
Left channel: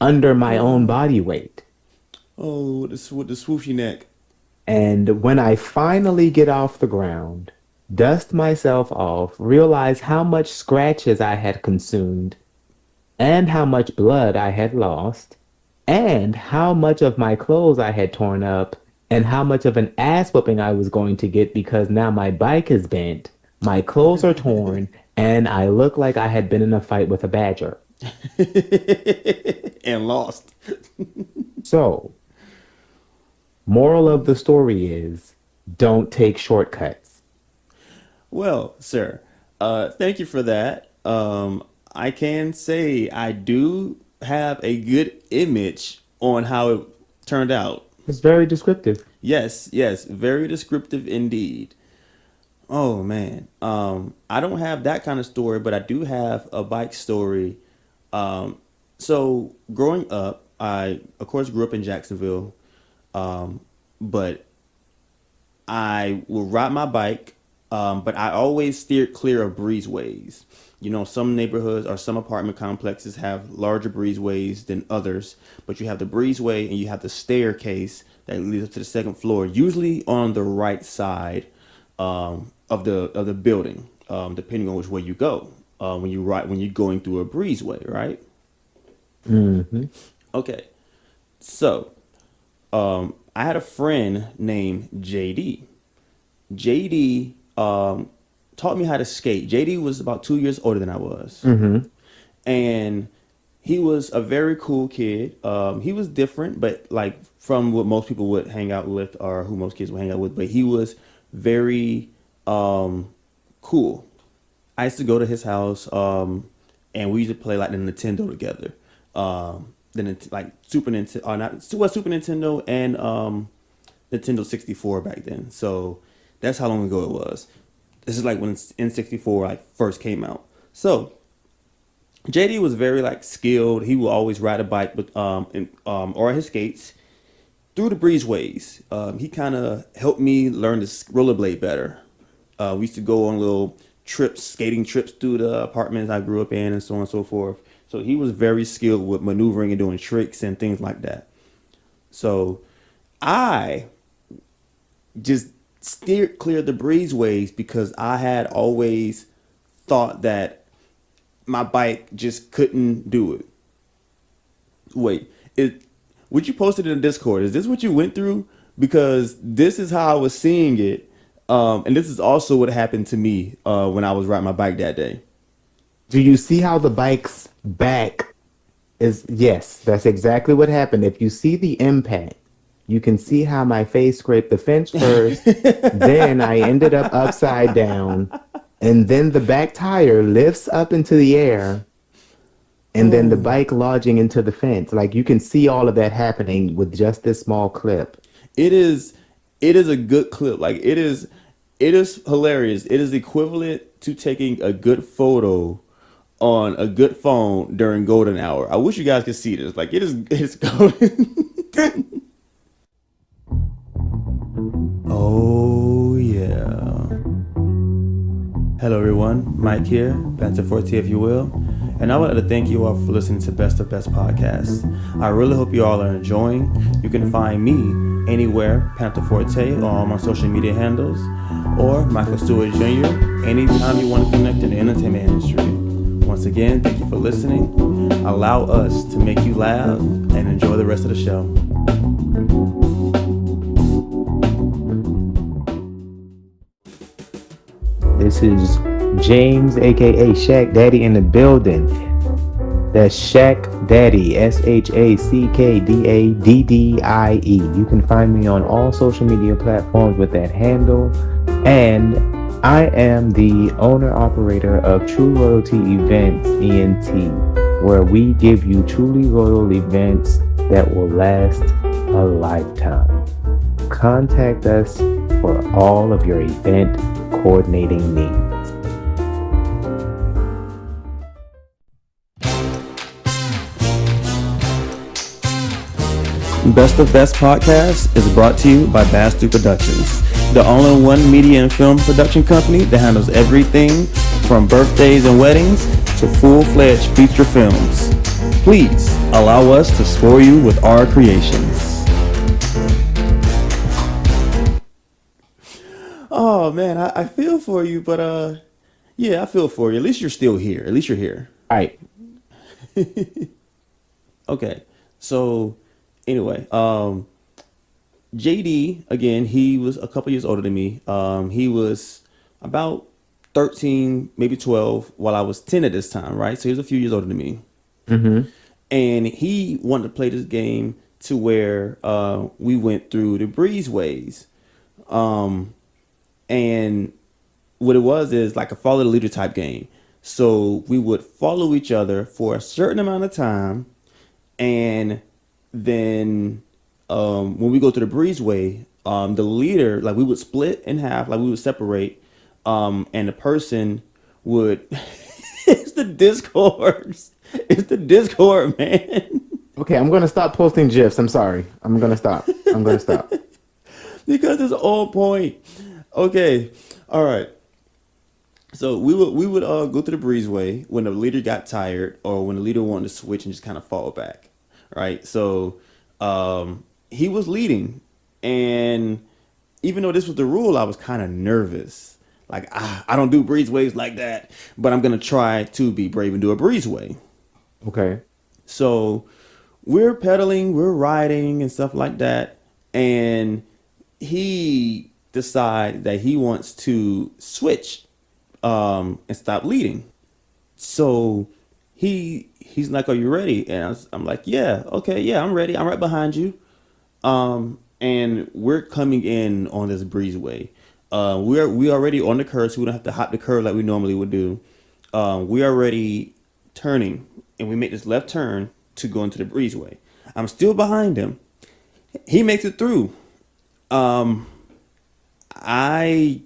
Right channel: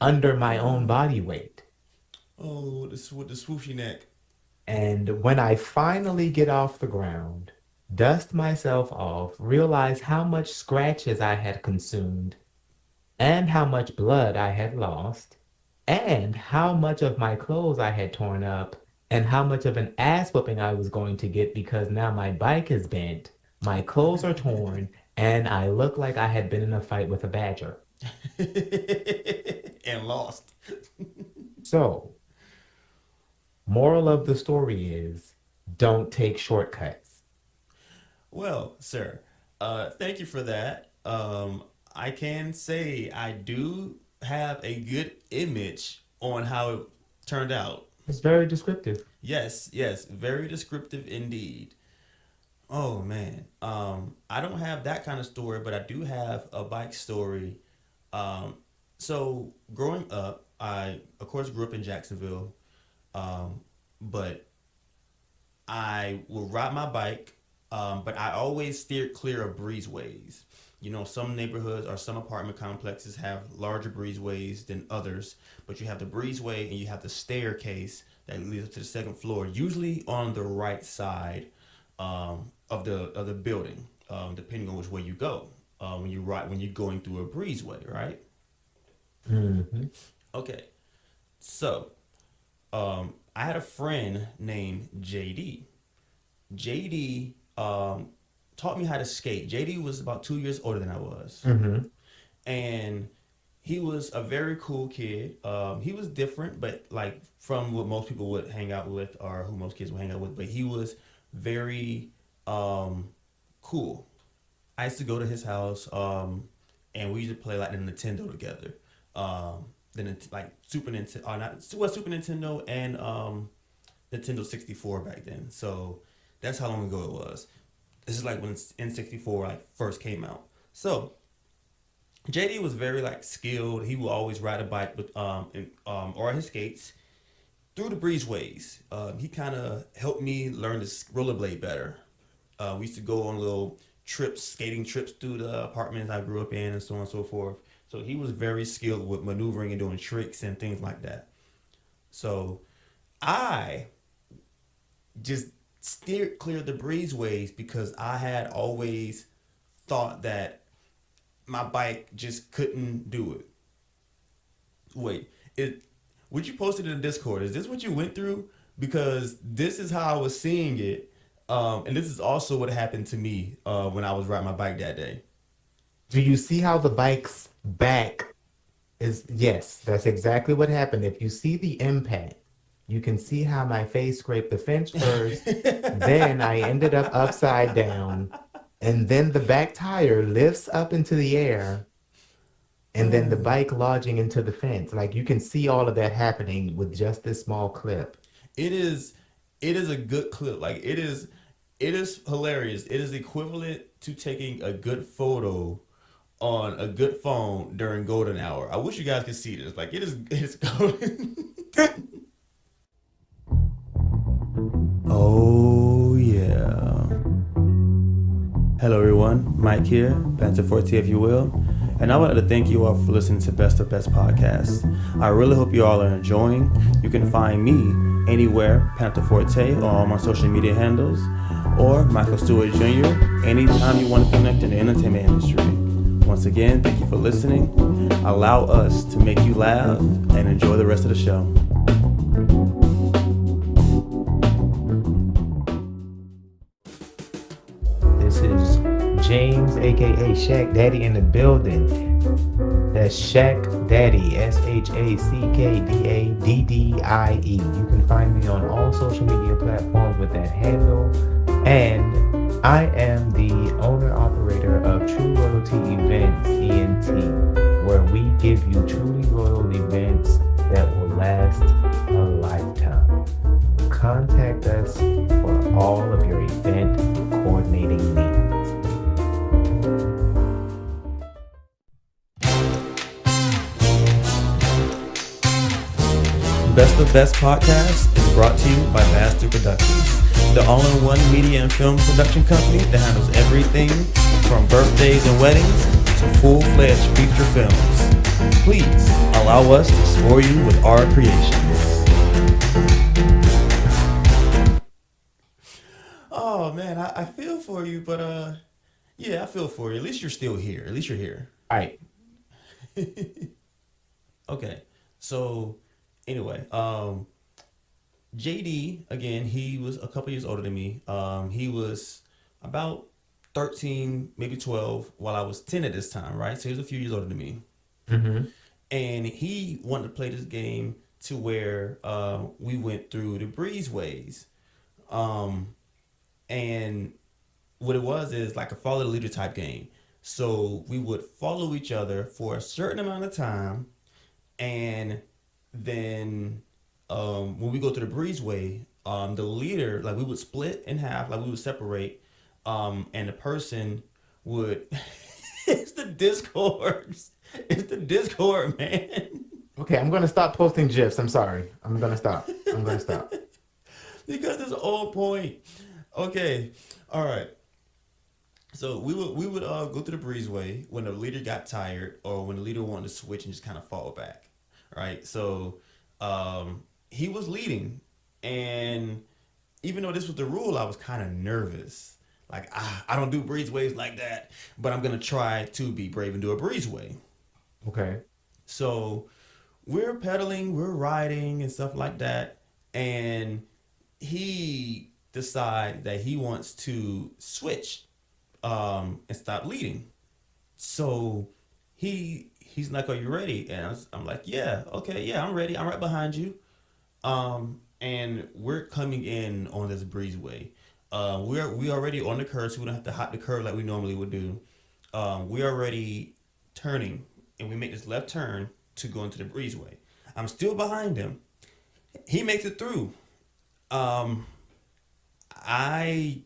under my own body weight. Oh, with the swooshy neck. And when I finally get off the ground, dust myself off, realize how much scratches I had consumed, and how much blood I had lost, and how much of my clothes I had torn up, and how much of an ass whooping I was going to get because now my bike is bent, my clothes are torn, and I look like I had been in a fight with a badger. And lost. So, moral of the story is don't take shortcuts. Well, sir, thank you for that. I can say I do have a good image on how it turned out. It's very descriptive. Yes, yes, very descriptive indeed. Oh man, I don't have that kind of story, but I do have a bike story. Um, so growing up, I of course grew up in Jacksonville, but I will ride my bike, but I always steered clear of breezeways. You know, some neighborhoods or some apartment complexes have larger breezeways than others, but you have the breezeway and you have the staircase that leads up to the second floor, usually on the right side of the building, depending on which way you go. When you're going through a breezeway, right? Hmm. Okay, so I had a friend named JD. JD taught me how to skate. JD was about 2 years older than I was, Hmm. and he was a very cool kid. He was different, but like from what most people would hang out with, or who most kids would hang out with. But he was very cool. I used to go to his house, and we used to play like the Nintendo together. Like Super Nintendo, or not Super Nintendo, and Nintendo 64 back then. So that's how long ago it was. This is like when N64 like first came out. So JD was very like skilled. He would always ride a bike with or his skates through the breezeways. He kind of helped me learn to rollerblade better. We used to go on little trips, skating trips through the apartments I grew up in, and so on and so forth. So he was very skilled with maneuvering and doing tricks and things like that. So I just steered clear of the breezeways because I had always thought that my bike just couldn't do it. Wait, would you post it in the Discord? Is this what you went through? Because this is how I was seeing it. And this is also what happened to me when I was riding my bike that day. Do you see how the bike's back is? Yes, that's exactly what happened. If you see the impact, you can see how my face scraped the fence first. Then I ended up upside down. And then the back tire lifts up into the air. And then the bike lodging into the fence. Like you can see all of that happening with just this small clip. It is a good clip. Like it is hilarious. It is equivalent to taking a good photo on a good phone during golden hour. I wish you guys could see this. Like it's golden. Oh yeah. Hello everyone, Mike here, Panther Forte if you will, and I would like to thank you all for listening to Best of Best Podcast. I really hope you all are enjoying. You can find me anywhere, Panther Forte, on all my social media handles, or Michael Stewart Jr. anytime you want to connect in the entertainment industry. Once again, thank you for listening. Allow us to make you laugh and enjoy the rest of the show. This is James, aka Shaq Daddy, in the building. That's Shaq Daddy, ShackDaddie. You can find me on all social media platforms with that handle. And I am the owner operator of True Royalty Events ENT, where we give you truly royal events that will last a lifetime. Contact us for all of your event coordinating needs. Best of Best Podcast is brought to you by Bastu Productions, the only one media and film production company that handles everything from birthdays and weddings to full-fledged feature films. Please allow us to spoil you with our creations. Oh man, I feel for you, but yeah, I feel for you. At least you're still here. At least you're here. All right. Okay. So anyway, JD, again, he was a couple years older than me. He was about 13, maybe 12, while I was 10 at this time, right? So he was a few years older than me. Mm-hmm. And he wanted to play this game to where we went through the breezeways. And what it was is like a follow the leader type game. So we would follow each other for a certain amount of time. And then when we go to the breezeway, the leader, like we would split in half, like we would separate. And the person would, it's the Discord. It's the Discord, man. Okay, I'm going to stop posting GIFs. I'm sorry. I'm going to stop. Because it's on point. Okay. All right. So we would go through the breezeway when the leader got tired or when the leader wanted to switch and just kind of fall back. Right. So he was leading. And even though this was the rule, I was kind of nervous. Like, I don't do breezeways like that, but I'm going to try to be brave and do a breezeway. Okay. So we're pedaling, we're riding and stuff like that. And he decides that he wants to switch and stop leading. So he he's like, "Are you ready?" And I'm like, "Yeah, okay, yeah, I'm ready. I'm right behind you." And we're coming in on this breezeway. We already on the curve, so we don't have to hop the curve like we normally would do. We already turning, and we make this left turn to go into the breezeway. I'm still behind him. He makes it through. Um, I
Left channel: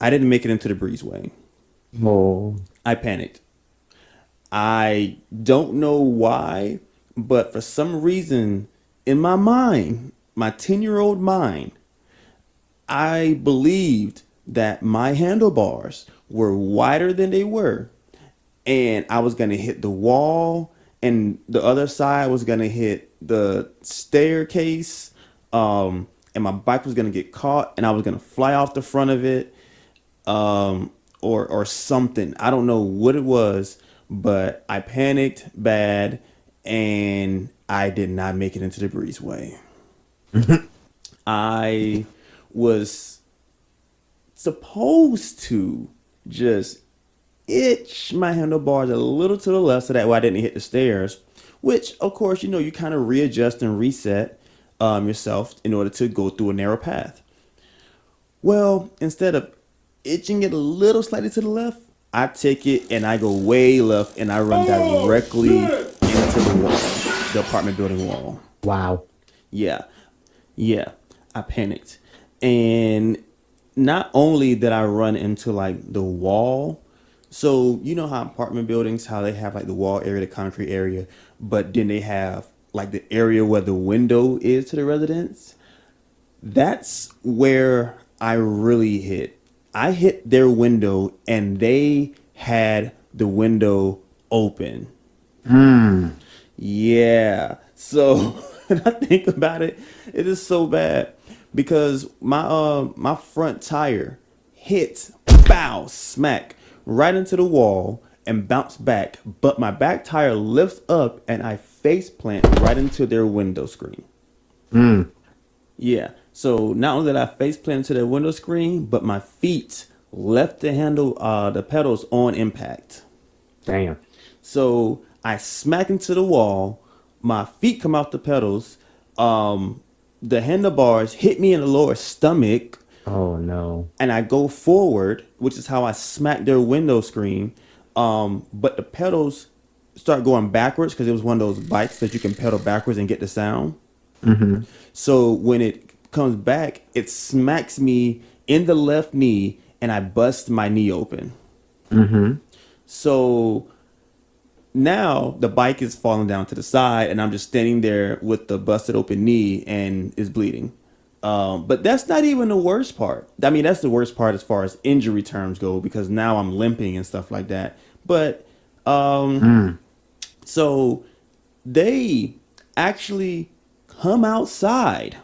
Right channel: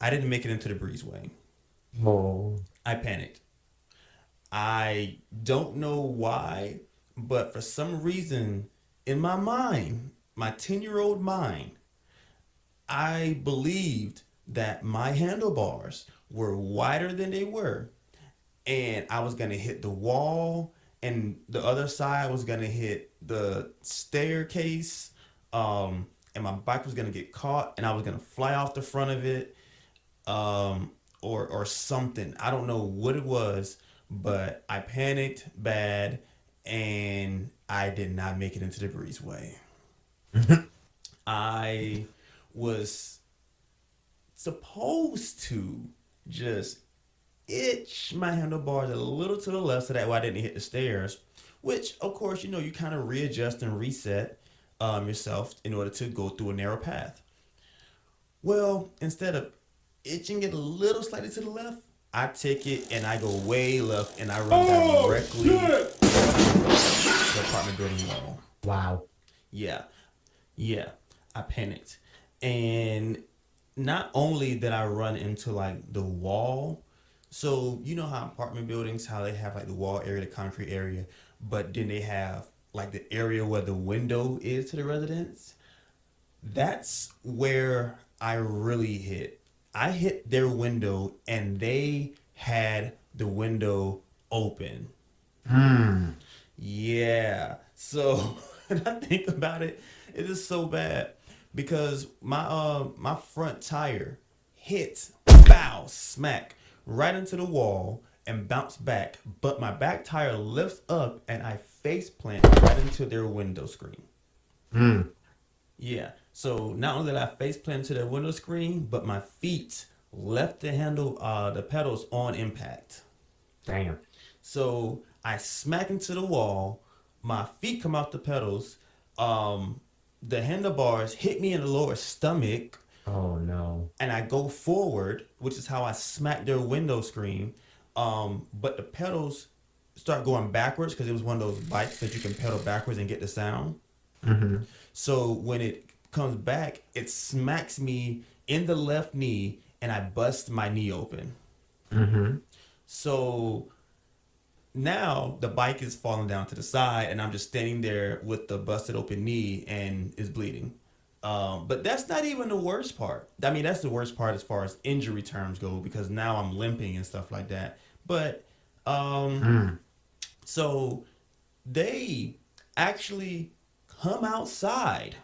I didn't make it into the breezeway. Oh, I panicked. I don't know why, but for some reason in my mind, my 10-year-old mind, I believed that my handlebars were wider than they were, and I was going to hit the wall, and the other side was going to hit the staircase, and my bike was going to get caught, and I was going to fly off the front of it, or something. I don't know what it was, but I panicked bad, and I did not make it into the breezeway. I was supposed to just itch my handlebars a little to the left so that way I didn't hit the stairs, which, of course, you kind of readjust and reset yourself in order to go through a narrow path. Well, instead of itching it a little slightly to the left, I take it and I go way left and I run directly into the wall, the apartment building wall. wow. Yeah. Yeah. I panicked. And not only did I run into like the wall, so you know how apartment buildings, how they have like the wall area, the concrete area, but then they have like the area where the window is to the residence. That's where I really hit. I hit their window and they had the window open. Yeah. So when I think about it, it is so bad because my front tire hit, bow, smack right into the wall and bounced back, but my back tire lifts up and I face plant right into their window screen. Yeah. So not only did I face plant into their window screen, but my feet left the handle, the pedals on impact. Damn. So I smack into the wall. My feet come off the pedals. The handlebars hit me in the lower stomach, Oh no. and I go forward, which is how I smack their window screen. But the pedals start going backwards because it was one of those bikes that you can pedal backwards and get the sound. So when it comes back, it smacks me in the left knee, and I bust my knee open. So now the bike is falling down to the side, and I'm just standing there with the busted open knee and is bleeding. But that's not even the worst part. I mean, that's the worst part as far as injury terms go because now I'm limping and stuff like that. But so they actually come outside.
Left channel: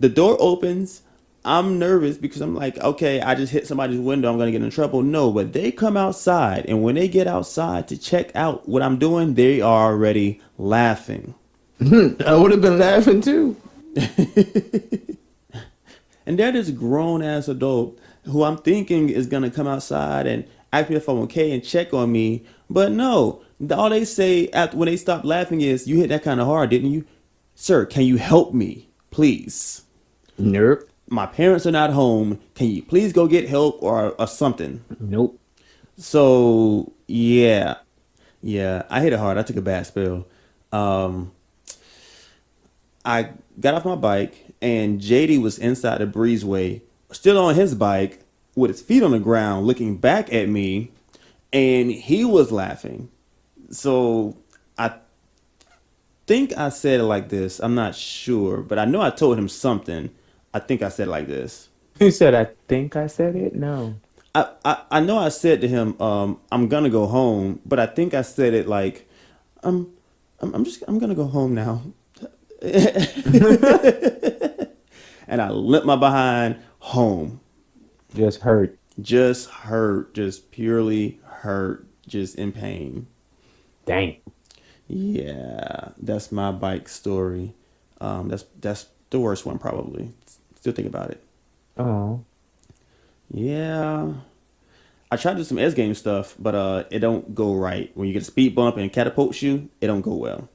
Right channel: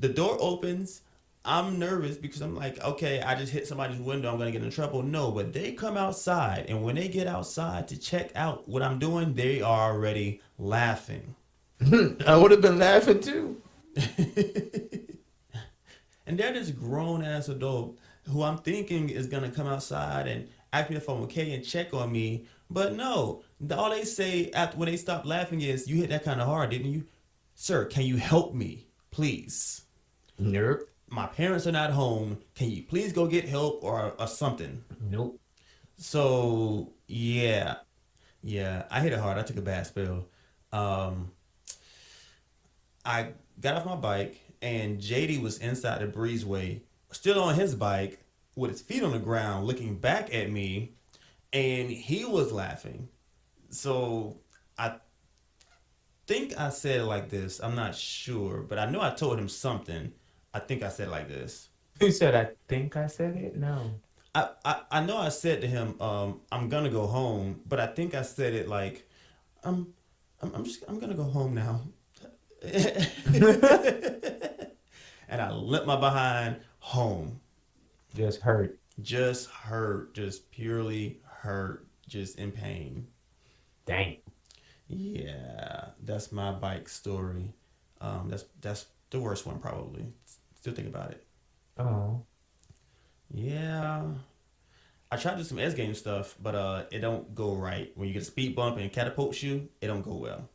The door opens. I'm nervous because I'm like, okay, I just hit somebody's window. I'm going to get in trouble. No, but they come outside. And when they get outside to check out what I'm doing, they are already laughing. I would have been laughing too. And they're this grown ass adult who I'm thinking is going to come outside and ask me if I'm okay and check on me. But no, all they say after when they stop laughing is, you hit that kind of hard, didn't you? Sir, can you help me, please? Nope. My parents are not home. Can you please go get help or something? Nope. So yeah, yeah, I hit it hard. I took a bad spell. Um, I got off my bike and JD was inside the breezeway, still on his bike with his feet on the ground, looking back at me, and he was laughing. So I think I said it like this. I'm not sure, but I know I told him something. I think I said it like this. You said I think I said it? No. I know I said to him, I'm gonna go home, but I think I said it like, I'm I'm gonna go home now. And I limped my behind home. Just hurt. Just hurt, just purely hurt, just in pain. Damn. Yeah, that's my bike story. That's the worst one probably. Still think about it. Oh. Yeah, I tried to do some S game stuff, but it don't go right. When you get a speed bump and it catapults you, it don't go well.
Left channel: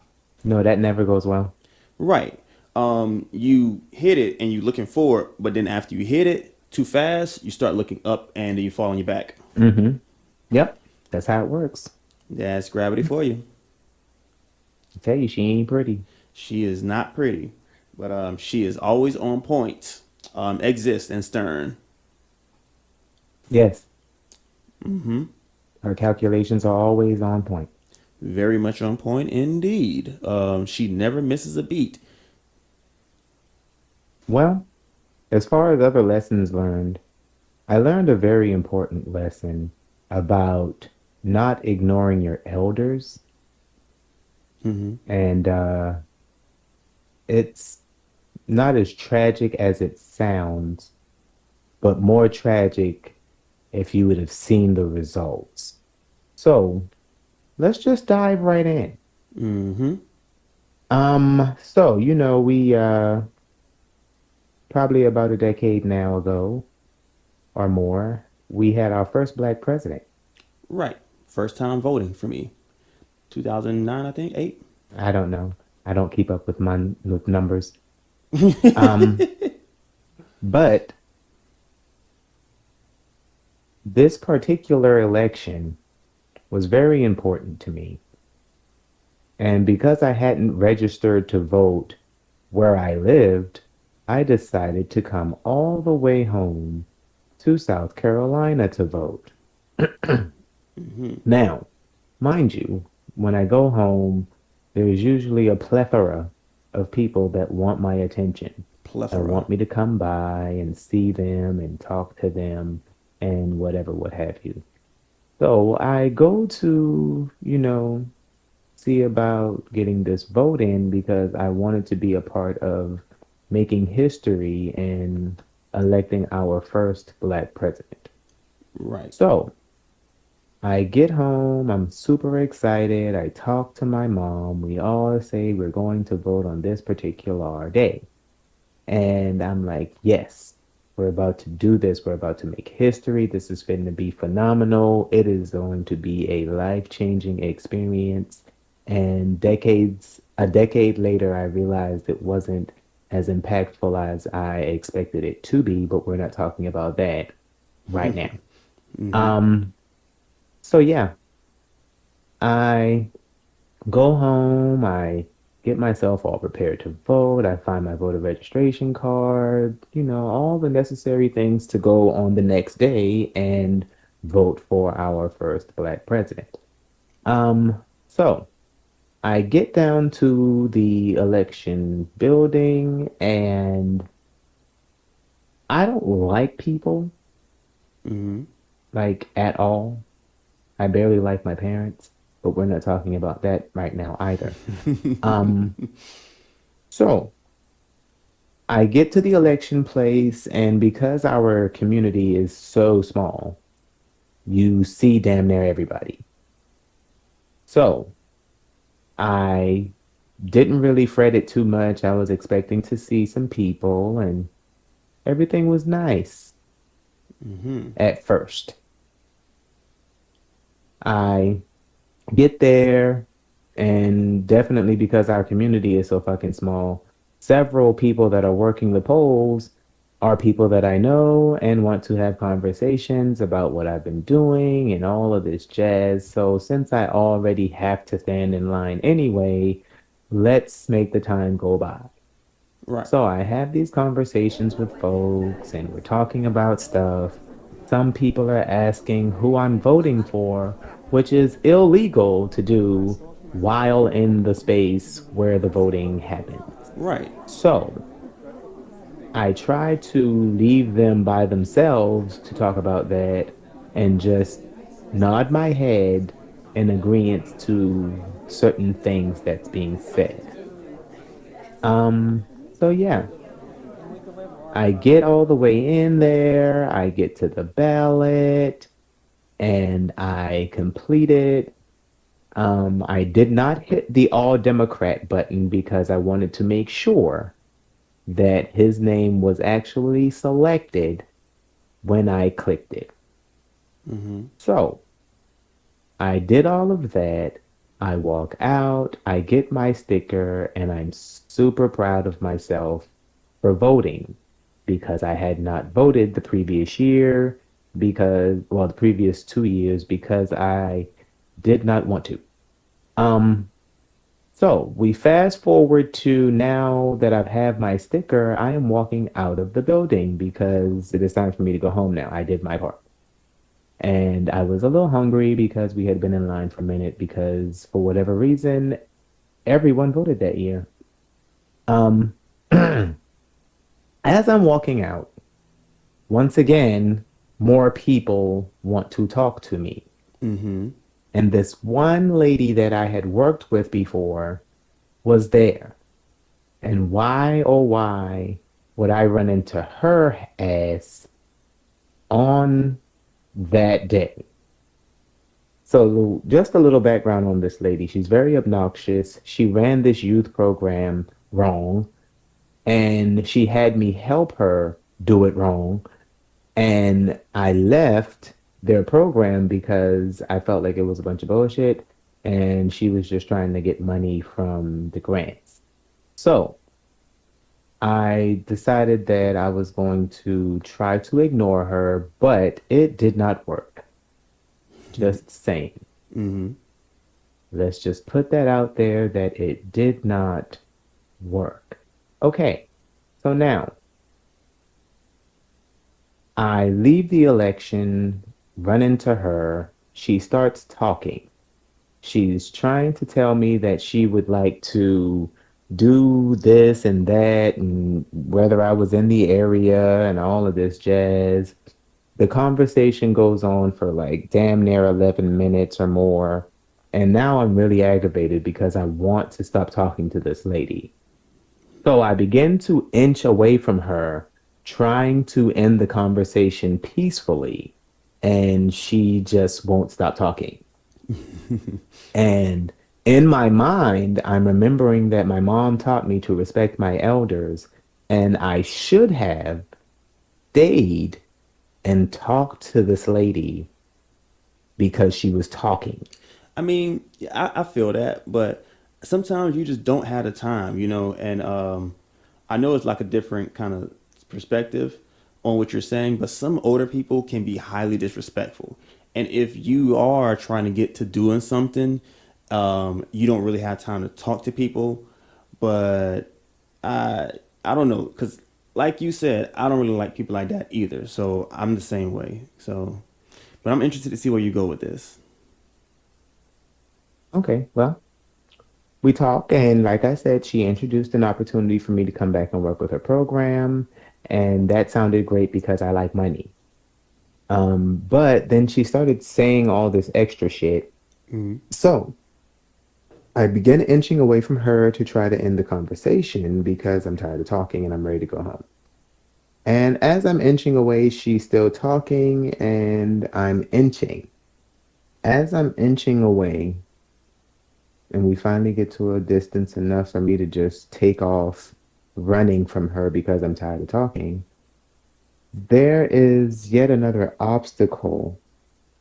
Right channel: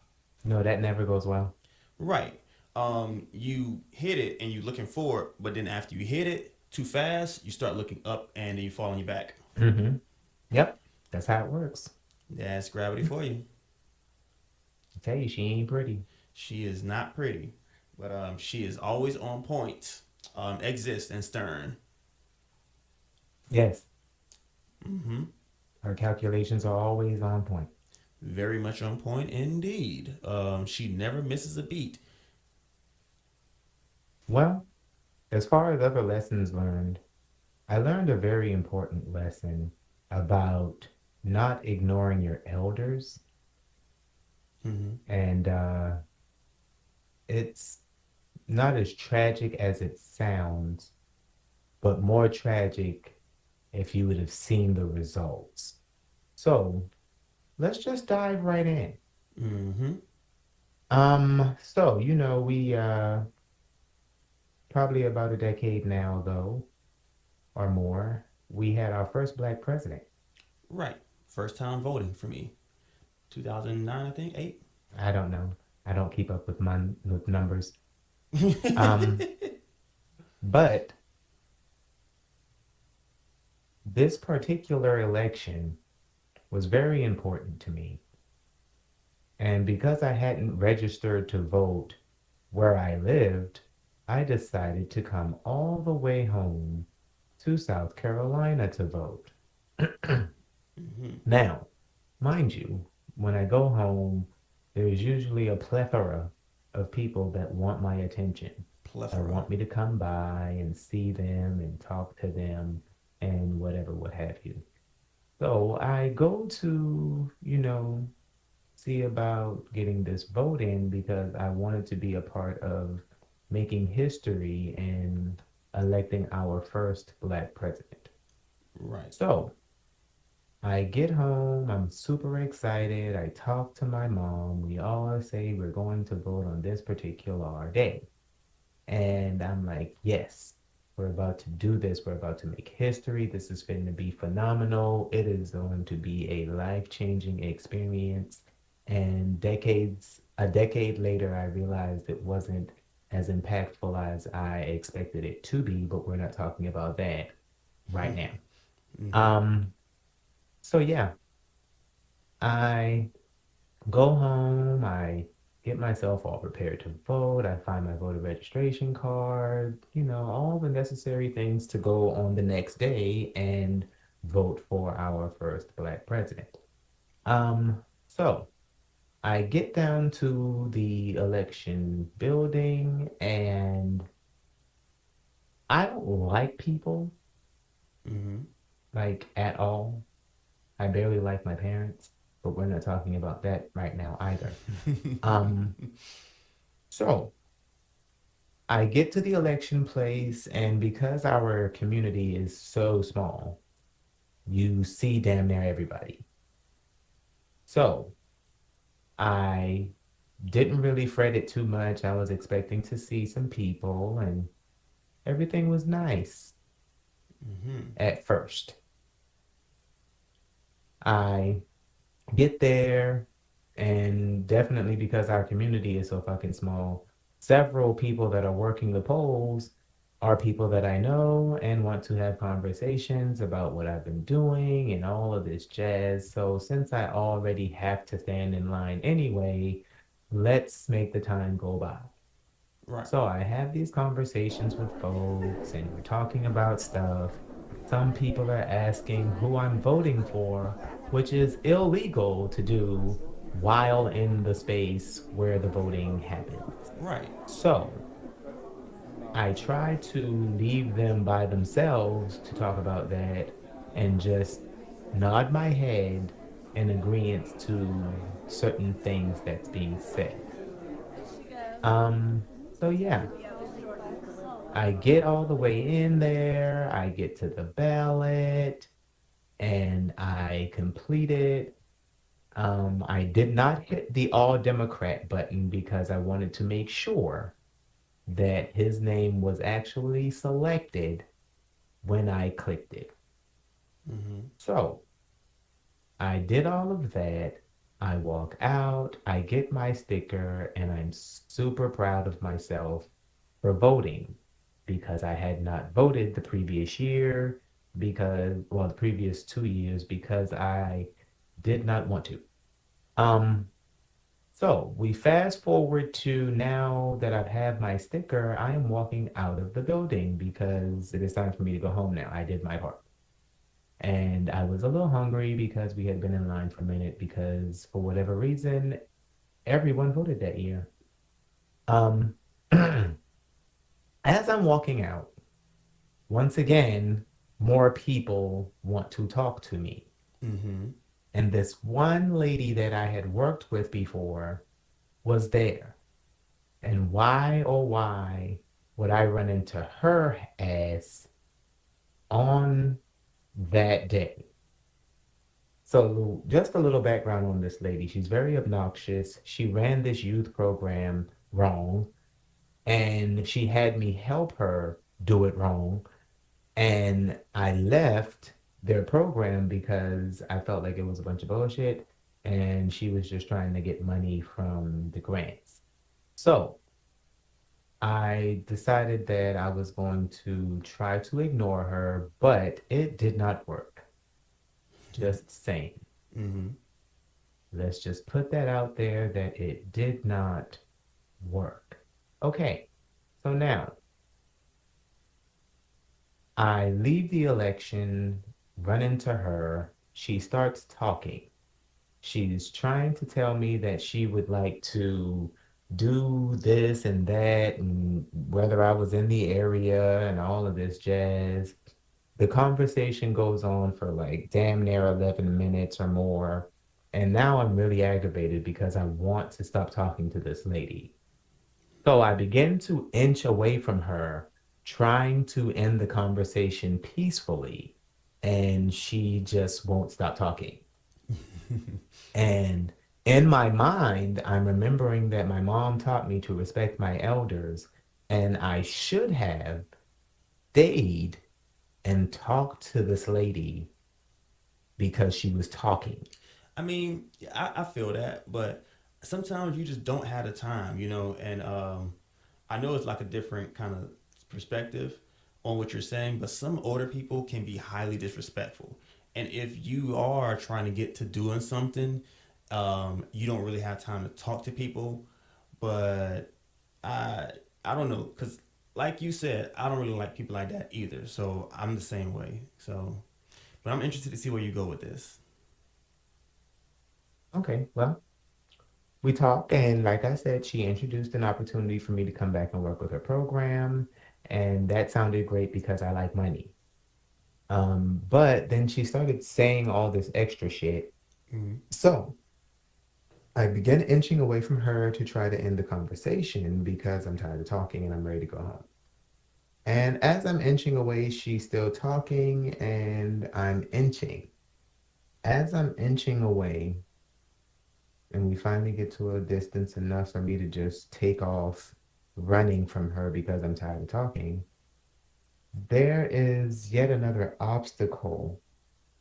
No, that never goes well. Right. You hit it and you looking forward, but then after you hit it too fast, you start looking up and then you fall on your back. Mm-hmm. Yep, that's how it works. That's gravity for you. I tell you, she ain't pretty. She is not pretty, but she is always on point. Exist and stern. Yes, Mm-hmm. her calculations are always on point. Very much on point indeed. She never misses a beat. Well, as far as other lessons learned, I learned a very important lesson about not ignoring your elders. Mm-hmm. And it's not as tragic as it sounds, but more tragic if you would have seen the results. So let's just dive right in. Mm-hmm. So we probably about a decade now ago or more, we had our first black president. Right. First time voting for me. 2009, I think. 8. I don't know. I don't keep up with with numbers. Um, but this particular election was very important to me. And because I hadn't registered to vote where I lived, I decided to come all the way home to South Carolina to vote. Mm-hmm. Now, mind you, when I go home, there's usually a plethora of people that want my attention, that Plethora. want me to come by and see them and talk to them and whatever, what have you. So I go to, see about getting this vote in because I wanted to be a part of making history and electing our first black president. Right. So I get home, I'm super excited. I talk to my mom. We all say we're going to vote on this particular day. And I'm like, yes, we're about to do this. We're about to make history. This is going to be phenomenal. It is going to be a life-changing experience. And a decade later, I realized it wasn't as impactful as I expected it to be, but we're not talking about that right now. Mm-hmm. Um, so yeah, I go home, I get myself all prepared to vote, I find my voter registration card, all the necessary things to go on the next day and vote for our first black president. Um, so I get down to the election building and I don't like people Mm-hmm. like at all. I barely like my parents, but we're not talking about that right now either. Um, so I get to the election place, and because our community is so small, you see damn near everybody. So I didn't really fret it too much. I was expecting to see some people, and everything was nice Mm-hmm. at first. I get there, and definitely because our community is so fucking small, several people that are working the polls are people that I know and want to have conversations about what I've been doing and all of this jazz. So since I already have to stand in line anyway, let's make the time go by. Right. So I have these conversations with folks and we're talking about stuff. Some people are asking who I'm voting for, which is illegal to do while in the space where the voting happens. Right. So I try to leave them by themselves to talk about that and just nod my head in agreement to certain things that's being said. So yeah, I get all the way in there, I get to the ballot, and I complete it. I did not hit the all Democrat button because I wanted to make sure that his name was actually selected when I clicked it. Mm-hmm. So I did all of that. I walk out, I get my sticker, and I'm super proud of myself for voting because I had not voted the previous year well, the previous 2 years because I did not want to. Um, so we fast forward to now that I've have my sticker, I am walking out of the building because it is time for me to go home now. I did my part. And I was a little hungry because we had been in line for a minute because for whatever reason, everyone voted that year. Um, as I'm walking out, once again, more people want to talk to me. Mm-hmm. And this one lady that I had worked with before was there. And why, oh, why would I run into her ass on that day? So, just a little background on this lady. She's very obnoxious. She ran this youth program wrong, and she had me help her do it wrong. And I left their program because I felt like it was a bunch of bullshit, and she was just trying to get money from the grants. So, I decided that I was going to try to ignore her, but it did not work. Just saying. Mm-hmm. Let's just put that out there that it did not work. Okay, so now I leave the election, run into her. She starts talking. She's trying to tell me that she would like to do this and that, and whether I was in the area and all of this jazz. The conversation goes on for like damn near 11 minutes or more. And now I'm really aggravated because I want to stop talking to this lady. So I begin to inch away from her, trying to end the conversation peacefully. And she just won't stop talking. And in my mind, I'm remembering that my mom taught me to respect my elders, and I should have stayed and talked to this lady because she was talking. I mean, I feel that, but sometimes you just don't have the time, you know, and I know it's like a different kind of perspective on what you're saying, but some older people can be highly disrespectful. And if you are trying to get to doing something, you don't really have time to talk to people. But I I don't know, because like you said, I don't really like people like that either. So I'm the same way. So, but I'm interested to see where you go with this. Okay, well, we talk, and like I said, she introduced an opportunity for me to come back and work with her program, and that sounded great because I like money. But then she started saying all this extra shit. Mm-hmm. So I began inching away from her to try to end the conversation because I'm tired of talking and I'm ready to go home. And as I'm inching away, she's still talking and I'm inching. As I'm inching away, and we finally get to a distance enough for me to just take off running from her because I'm tired of talking, there is yet another obstacle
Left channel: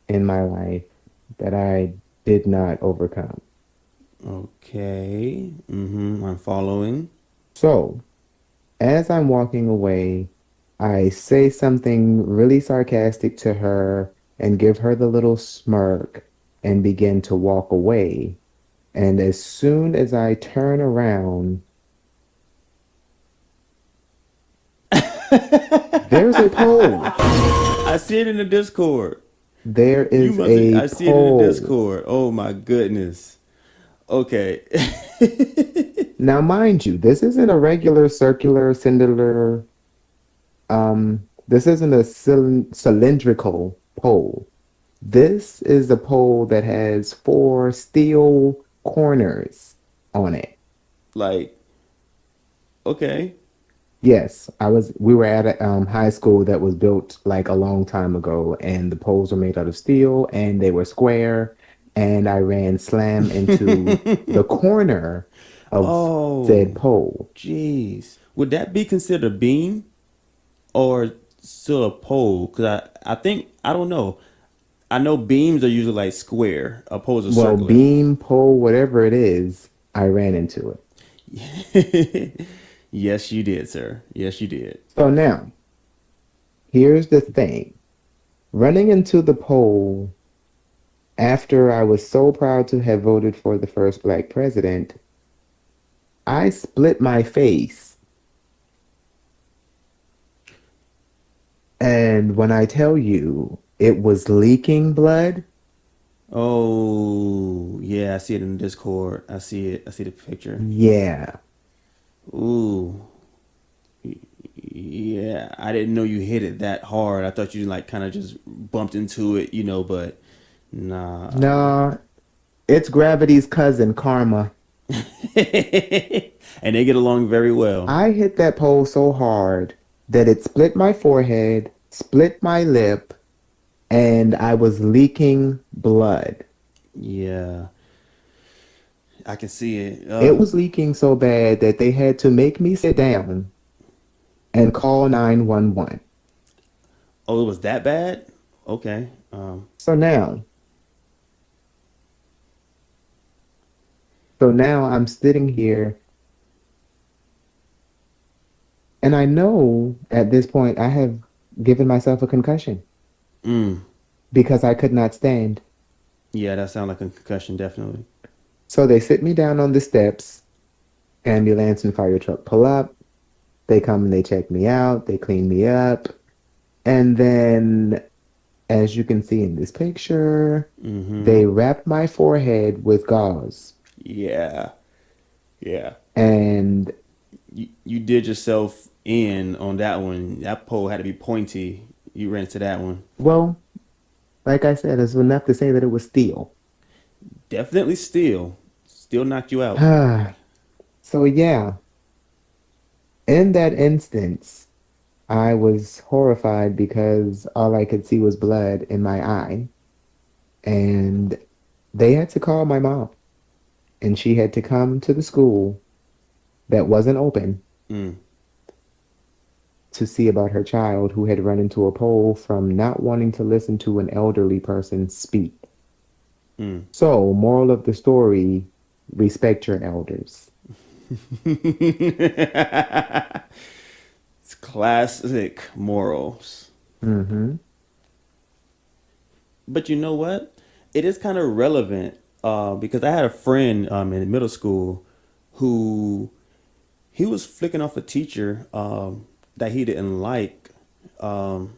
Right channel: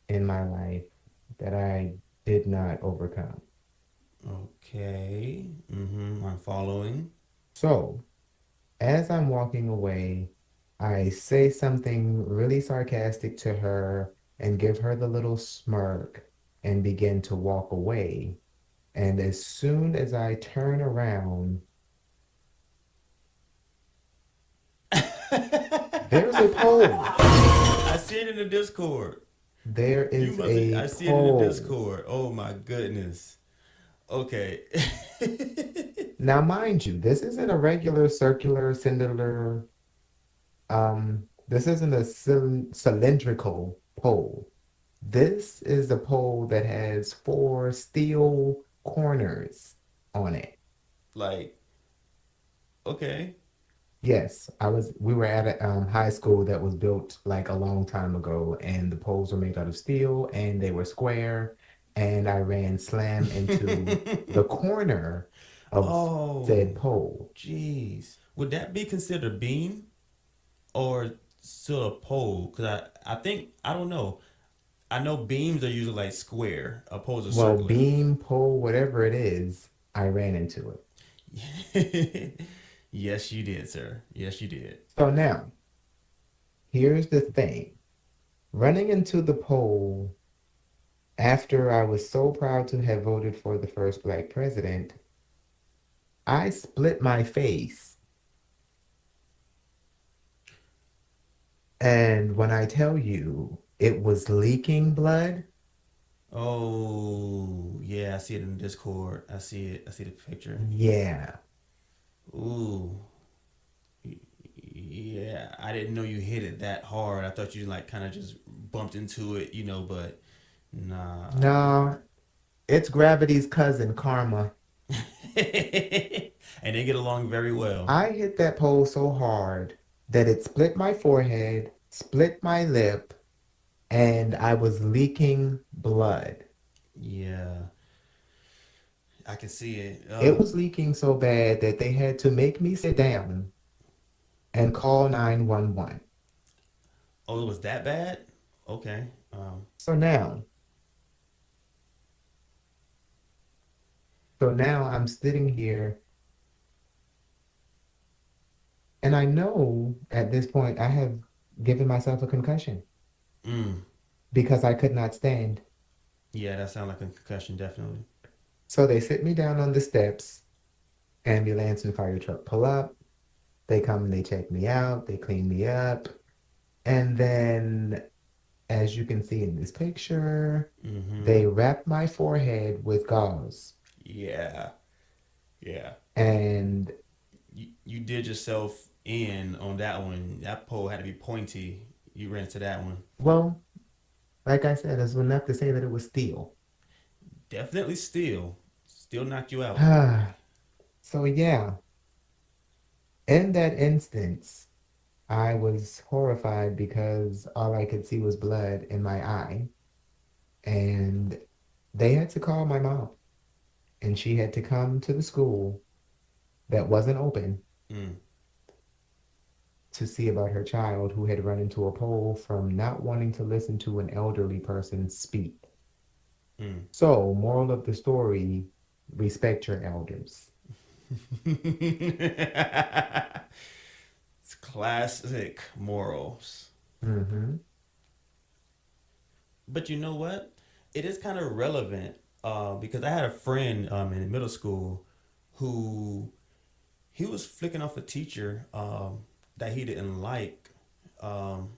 in my life that I did not overcome. Okay. Mm-hmm. I'm following. So, as I'm walking away, I say something really sarcastic to her and give her the little smirk and begin to walk away. And as soon as I turn around, there's a pole. I see it in the Discord. There You is must. a I see it in the pole. Discord. Oh my goodness. Okay. Now, mind you, this isn't a regular circular, cylinder. This isn't a cylindrical pole. This is a pole that has four steel corners on it. Like, okay. Yes, we were at a high school that was built like a long time ago, and the poles were made out of steel and they were square, and I ran slam into the corner of said Oh, pole. jeez. Would that be considered a beam or still a pole? Because I think I don't know. I know beams are usually like square, opposed to Well, circular. beam, pole, whatever it is, I ran into it. Yes, you did, sir. Yes, you did. So now, here's the thing. Running into the pole after I was so proud to have voted for the first black president, I split my face. And when I tell you it was leaking blood, Oh, yeah, I see it in the Discord. I see it. I see the picture. yeah. Ooh, yeah. I didn't know you hit it that hard. I thought you like kind of just bumped into it, but nah. No, it's gravity's cousin, karma. And they get along very well. I hit that pole so hard that it split my forehead, split my lip, and I was leaking blood. Yeah, I can see it. It was leaking so bad that they had to make me sit down and call 911. Oh, it was that bad? Okay. So now, so now I'm sitting here and I know at this point I have given myself a concussion Mm, because I could not stand. yeah, that sounds like a concussion, definitely. So they sit me down on the steps, ambulance and fire truck pull up. They come and they check me out, they clean me up. And then, as you can see in this picture, Mm-hmm. they wrap my forehead with gauze. Yeah, yeah. And You did yourself in on that one. That pole had to be pointy. You ran into that one. well, like I said, it's enough to say that it was steel. Definitely still knocked you out. So yeah, in that instance, I was horrified because all I could see was blood in my eye. And they had to call my mom, and she had to come to the school that wasn't open Mm, to see about her child who had run into a pole from not wanting to listen to an elderly person speak. mm. So, moral of the story, respect your elders. It's classic morals. Hmm. But you know what? It is kind of relevant because I had a friend in middle school who he was flicking off a teacher that he didn't like, um,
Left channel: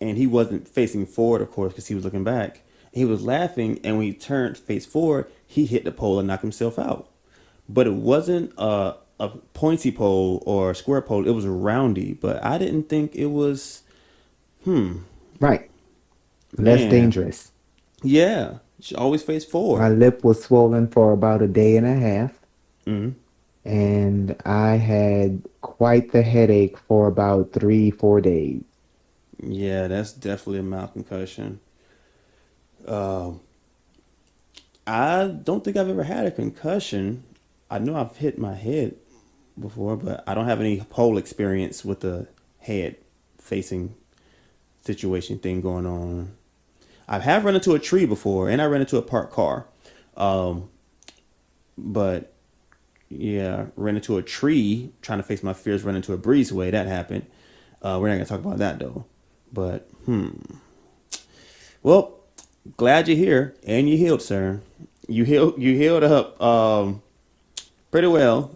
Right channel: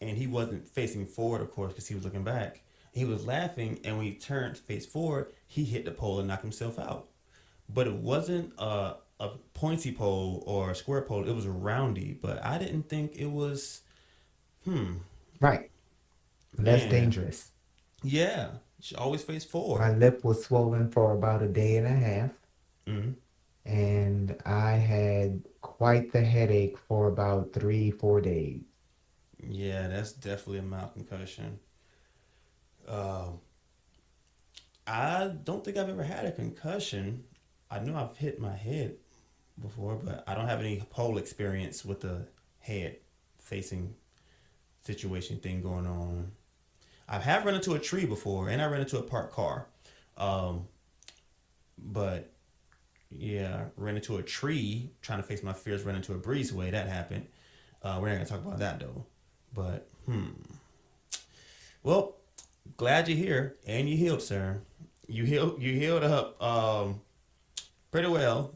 and he wasn't facing forward, of course, because he was looking back. He was laughing, and when he turned face forward, he hit the pole and knocked himself out. But it wasn't a pointy pole or a square pole; it was a roundy. But I didn't think it was. Right. Less Man, dangerous. yeah, you should always face My forward. lip was swollen for about a day and a half, Mm. and I had quite the headache for about 3, 4 days. Yeah, that's definitely a mild concussion. Um, I don't think I've ever had a concussion. I know I've hit my head before, but I don't have any pole experience with the head facing situation thing going on. I have run into a tree before, and I ran into a parked car. Um, but yeah, ran into a tree trying to face my fears, ran into a breezeway. That happened. We're not gonna talk about that though. But well, glad you're here and you healed, sir. You healed up pretty well.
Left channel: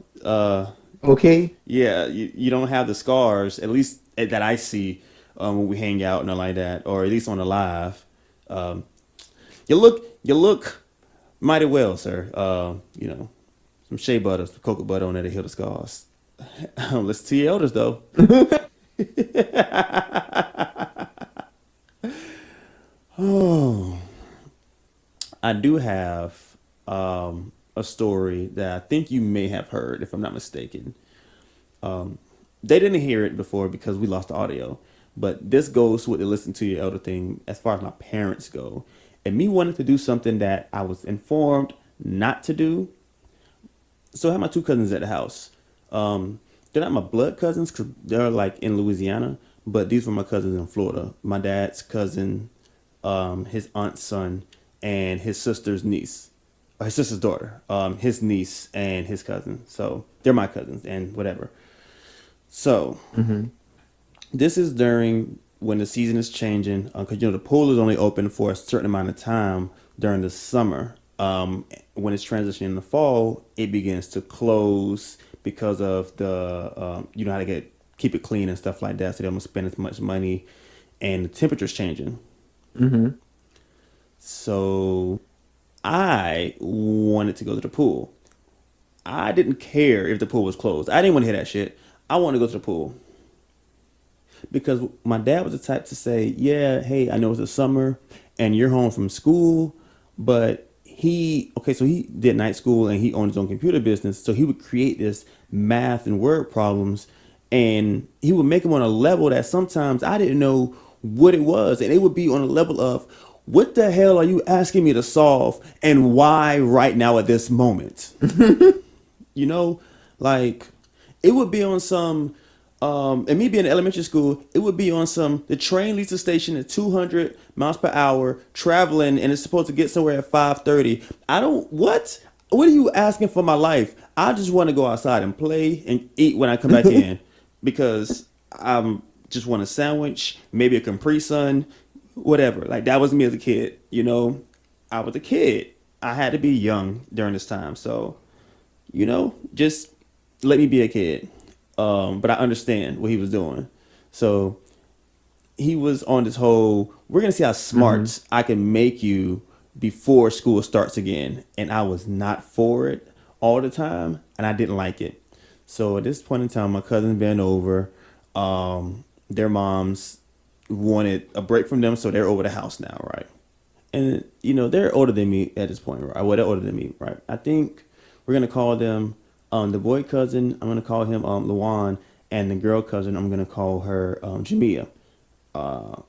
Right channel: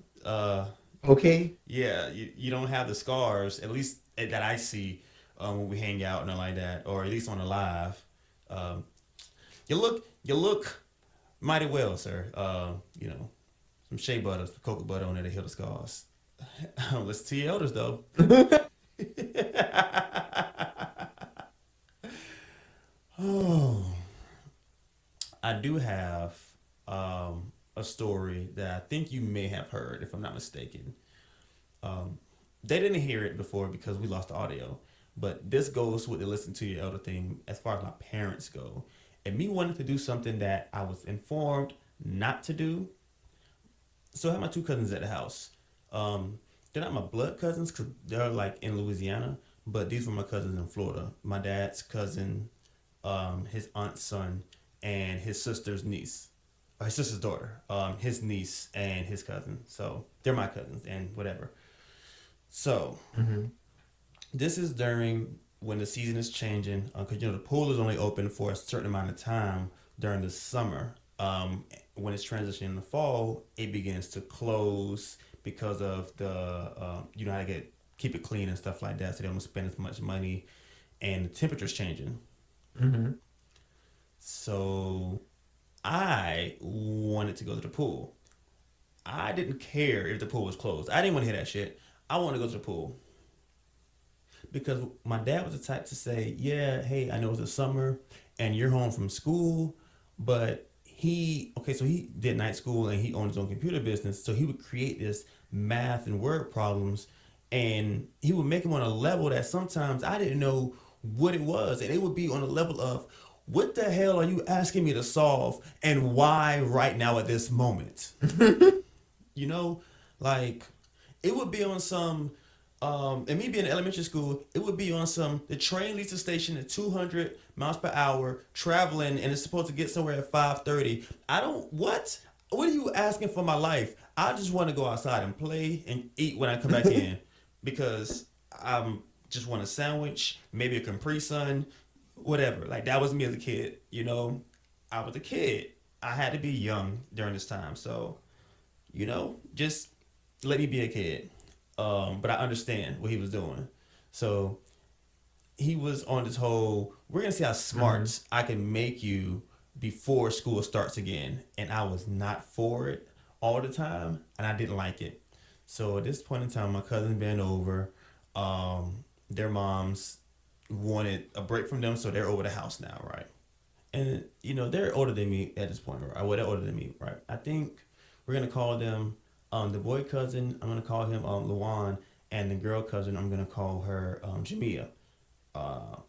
Okay? Yeah, you don't have the scars, at least that I see when we hang out and all like that, or at least on the live. Um, you look mighty well, sir. Some shea butter, some cocoa butter on there to heal the scars. Listen to your elders, though. Oh, I do have a story that I think you may have heard, if I'm not mistaken. Um, they didn't hear it before because we lost the audio, but this goes with the listen to your elder thing as far as my parents go, and me wanting to do something that I was informed not to do. So I had my two cousins at the house. They're not my blood cousins because they're like in Louisiana, but these were my cousins in Florida. My dad's cousin, his aunt's son and his sister's niece, or his sister's daughter, his niece and his cousin. So they're my cousins and whatever. So Mm-hmm. this is during when the season is changing, because the pool is only open for a certain amount of time during the summer. When it's transitioning to fall, it begins to close because of the how to keep it clean and stuff like that, so they don't spend as much money, and the temperature's changing. Mm-hmm. So I wanted to go to the pool. I didn't care if the pool was closed. I didn't want to hear that shit. I wanted to go to the pool because my dad was the type to say, "Yeah, hey, I know it's the summer and you're home from school, but so he did night school and he owned his own computer business, so he would create this math and word problems, and he would make them on a level that sometimes I didn't know what it was, and it would be on a level of, what the hell are you asking me to solve, and why right now at this moment?" You know, like it would be on some, and me being in elementary school, it would be on some, the train leaves the station at 200 miles per hour, traveling, and it's supposed to get somewhere at 5:30. What are you asking for my life? I just want to go outside and play and eat when I come back in, because I'm just want a sandwich, maybe a Capri Sun, whatever. Like that was me as a kid, I was a kid. I had to be young during this time. So, just let me be a kid. But I understand what he was doing. So he was on this whole, we're going to see how smart I can make you before school starts again. And I was not for it all the time, and I didn't like it. So at this point in time, my cousin's been over. Their moms wanted a break from them, so they're over the house now, right? And, they're older than me at this point, right? Well, they're older than me, right? I think we're going to call them the boy cousin, I'm going to call him Luan, and the girl cousin, I'm going to call her Jamia.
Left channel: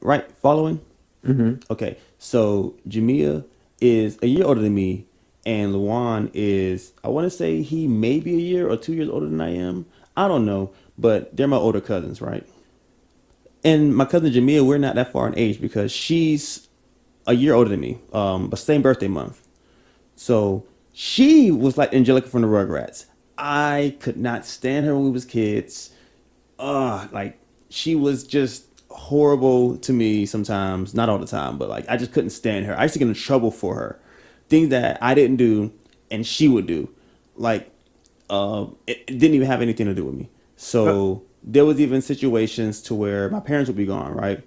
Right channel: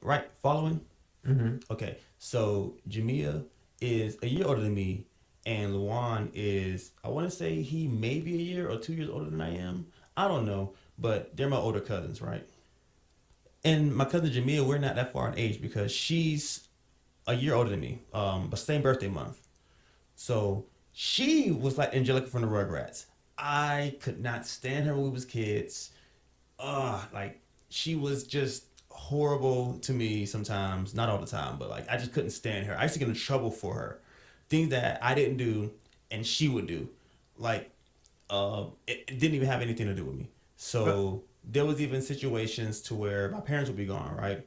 Right? Following? Mm-hmm. Okay. So Jamia is a year older than me, and Luan is, I want to say he may be a year or 2 years older than I am. I don't know, but they're my older cousins, right? And my cousin Jamia, we're not that far in age because she's a year older than me, but same birthday month. So she was like Angelica from the Rugrats. I could not stand her when we was kids. Like she was just horrible to me sometimes, not all the time, but like I just couldn't stand her. I used to get in trouble for her. Things that I didn't do and she would do. Like it didn't even have anything to do with me. So there was even situations to where my parents would be gone, right?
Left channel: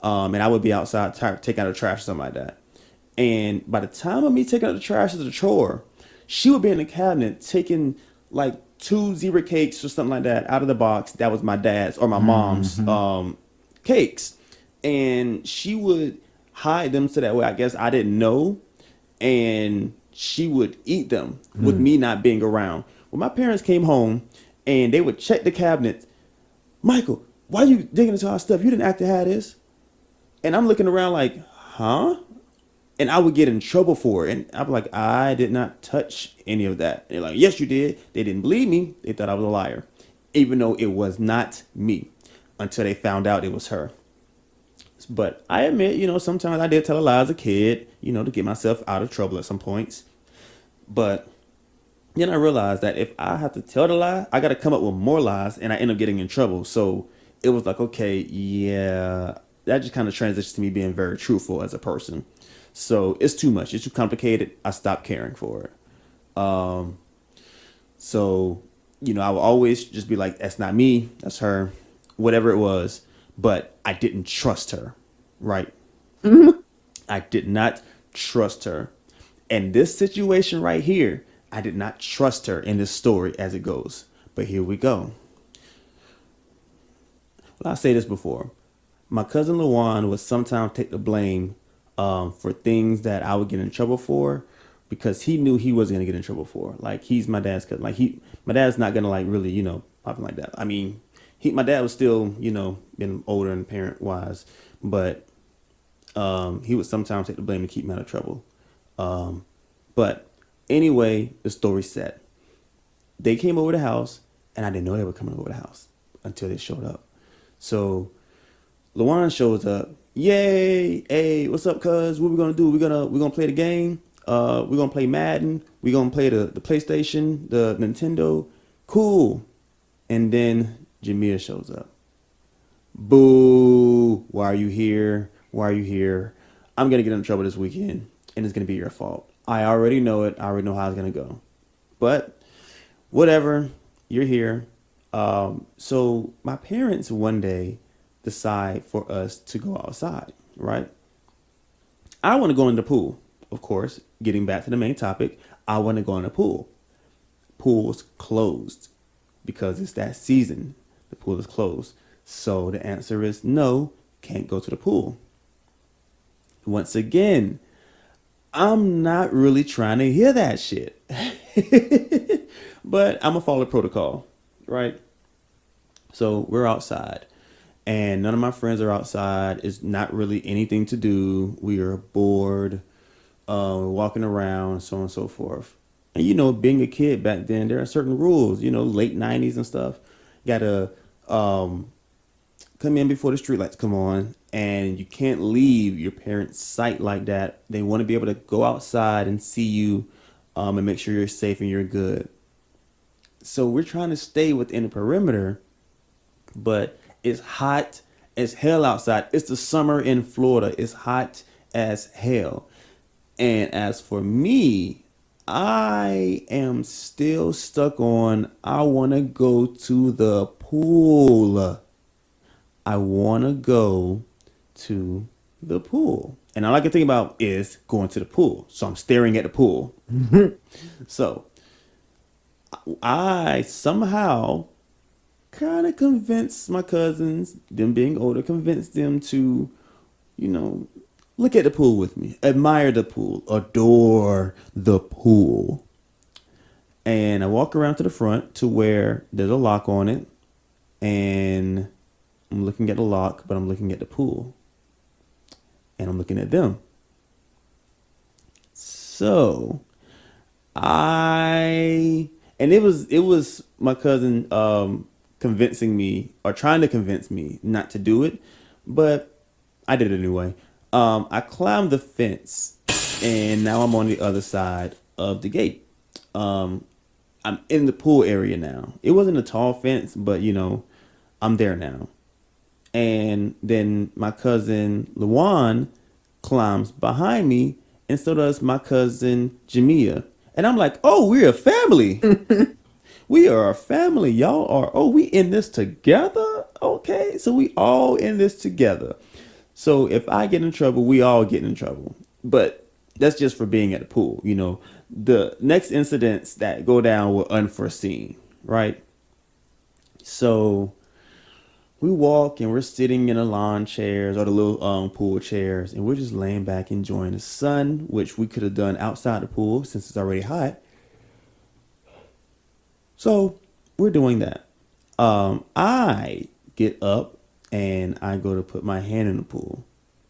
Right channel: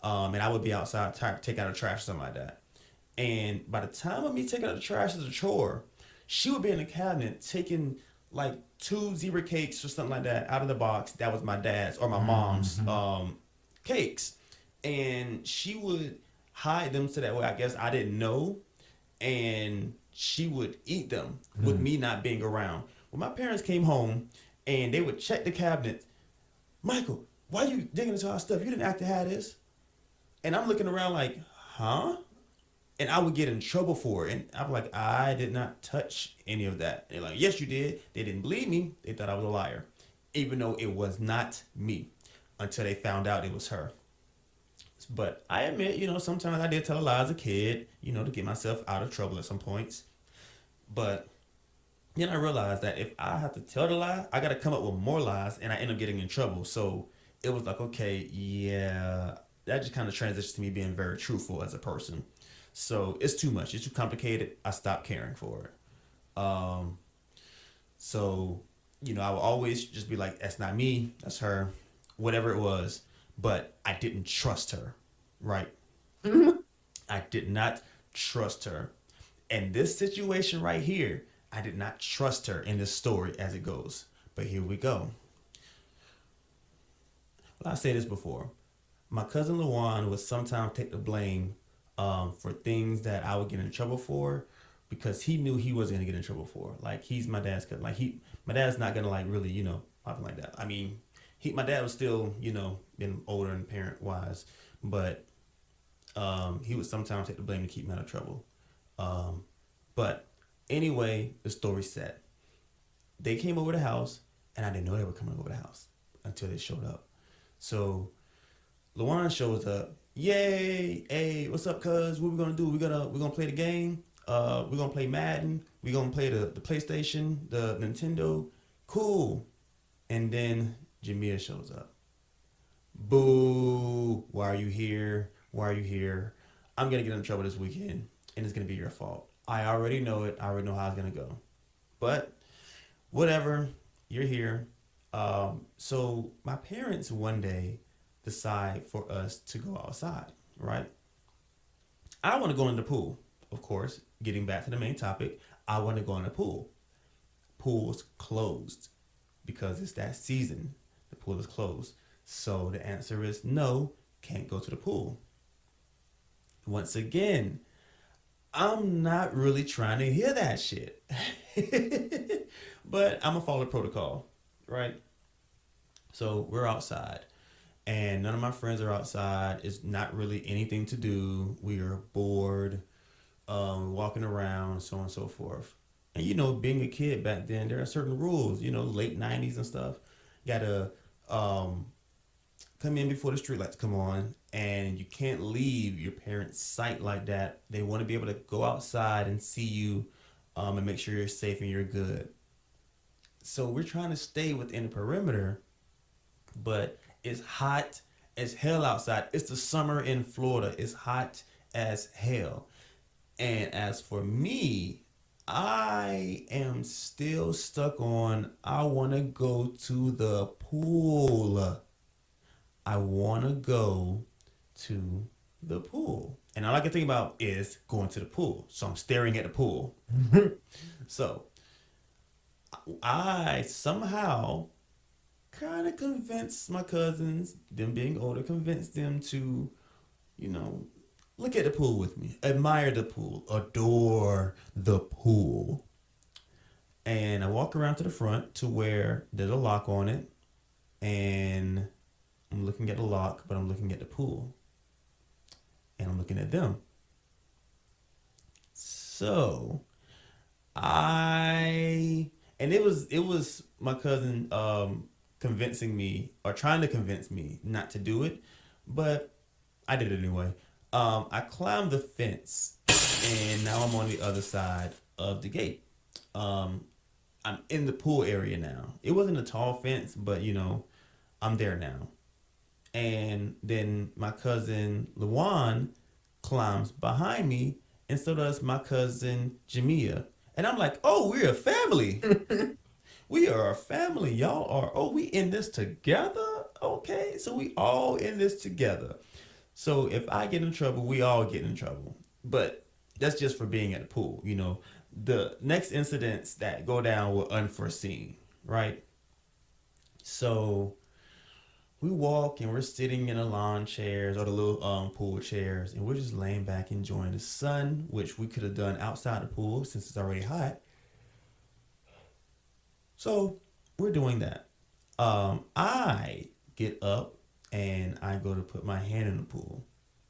And I would be outside taking out the trash or something like that. And by the time of me taking out the trash as a chore, she would be in the cabinet taking like 2 zebra cakes or something like that out of the box. That was my dad's or my mom's cakes. And she would hide them so that way I guess I didn't know. And she would eat them with me not being around. When my parents came home and they would check the cabinet, "Michael, why are you digging into our stuff? You didn't act to have this." And I'm looking around like, huh? And I would get in trouble for it. And I'm like, I did not touch any of that. And they're like, "Yes, you did." They didn't believe me. They thought I was a liar, even though it was not me, until they found out it was her. But I admit, sometimes I did tell a lie as a kid, to get myself out of trouble at some points. But then I realized that if I have to tell the lie, I got to come up with more lies, and I end up getting in trouble. So it was like, okay, yeah, that just kind of transitions to me being very truthful as a person. So it's too much. It's too complicated. I stopped caring for it. So, I would always just be like, that's not me. That's her, whatever it was. But I didn't trust her, right? I did not trust her. And this situation right here, I did not trust her in this story as it goes. But here we go. Well, I say this before. My cousin Lawan would sometimes take the blame for things that I would get in trouble for, because he knew he wasn't gonna get in trouble for. Like, he's my dad's cousin. Like, my dad's not gonna like really, pop him like that. I mean, my dad was still, being older and parent wise, but he would sometimes take the blame to keep me out of trouble. But anyway, the story's set. They came over the house, and I didn't know they were coming over the house until they showed up. So Luan shows up. Yay! Hey, what's up, cuz? What we gonna do? We gonna play the game. We're gonna play Madden. We're gonna play the PlayStation, the Nintendo. Cool. And then Jamia shows up. Boo! Why are you here? Why are you here? I'm gonna get in trouble this weekend, and it's gonna be your fault. I already know it. I already know how it's gonna go. But whatever, you're here. So my parents one day decide for us to go outside, right? I want to go in the pool, of course. Getting back to the main topic, I want to go in the pool. Pool's closed because it's that season. The pool is closed. So the answer is no, can't go to the pool. Once again, I'm not really trying to hear that shit. But I'm going to follow protocol, right? So we're outside, and none of my friends are outside. It's not really anything to do. We are bored, walking around, so on and so forth. And being a kid back then, there are certain rules. Late '90s and stuff. Gotta come in before the streetlights come on, and you can't leave your parents' sight like that. They want to be able to go outside and see you, and make sure you're safe and you're good. So we're trying to stay within the perimeter, but it's hot as hell outside. It's the summer in Florida. It's hot as hell. And as for me, I am still stuck on I want to go to the pool. I want to go to the pool. And all I can think about is going to the pool. So I'm staring at the pool. So I somehow kind of convinced my cousins, them being older, convinced them to, look at the pool with me, admire the pool, adore the pool. And I walk around to the front to where there's a lock on it. And I'm looking at the lock, but I'm looking at the pool. And I'm looking at them. So it was my cousin convincing me or trying to convince me not to do it, but I did it anyway. I climbed the fence, and now I'm on the other side of the gate. I'm in the pool area now. It wasn't a tall fence, but I'm there now. And then my cousin Luan climbs behind me, and so does my cousin Jamia. And I'm like, oh, we're a family. We are a family. Y'all are, oh, we in this together? Okay, so we all in this together. So if I get in trouble, we all get in trouble. But that's just for being at the pool. The next incidents that go down were unforeseen, right? So we walk and we're sitting in the lawn chairs or the little pool chairs, and we're just laying back enjoying the sun, which we could have done outside the pool since it's already hot. So we're doing that. I get up and I go to put my hand in the pool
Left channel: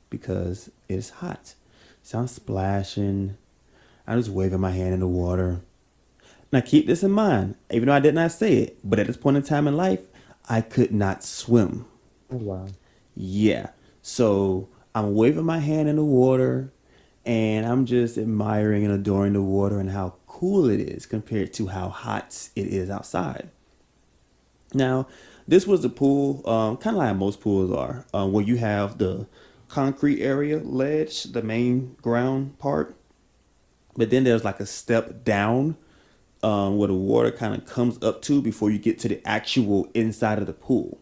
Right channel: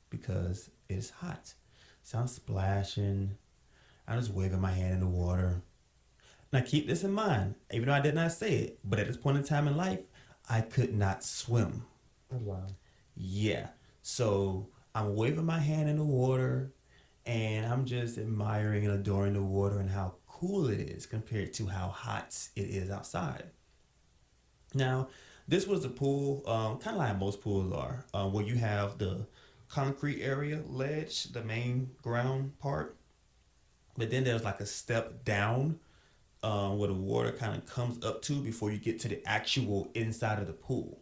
because it's hot. So I'm splashing. I'm just waving my hand in the water. Now keep this in mind, even though I did not say it, but at this point in time in life, I could not swim. Oh, wow. Yeah. So I'm waving my hand in the water, and I'm just admiring and adoring the water and how cool it is compared to how hot it is outside. Now, this was a pool, kind of like most pools are, where you have the concrete area ledge, the main ground part, but then there's like a step down where the water kind of comes up to before you get to the actual inside of the pool.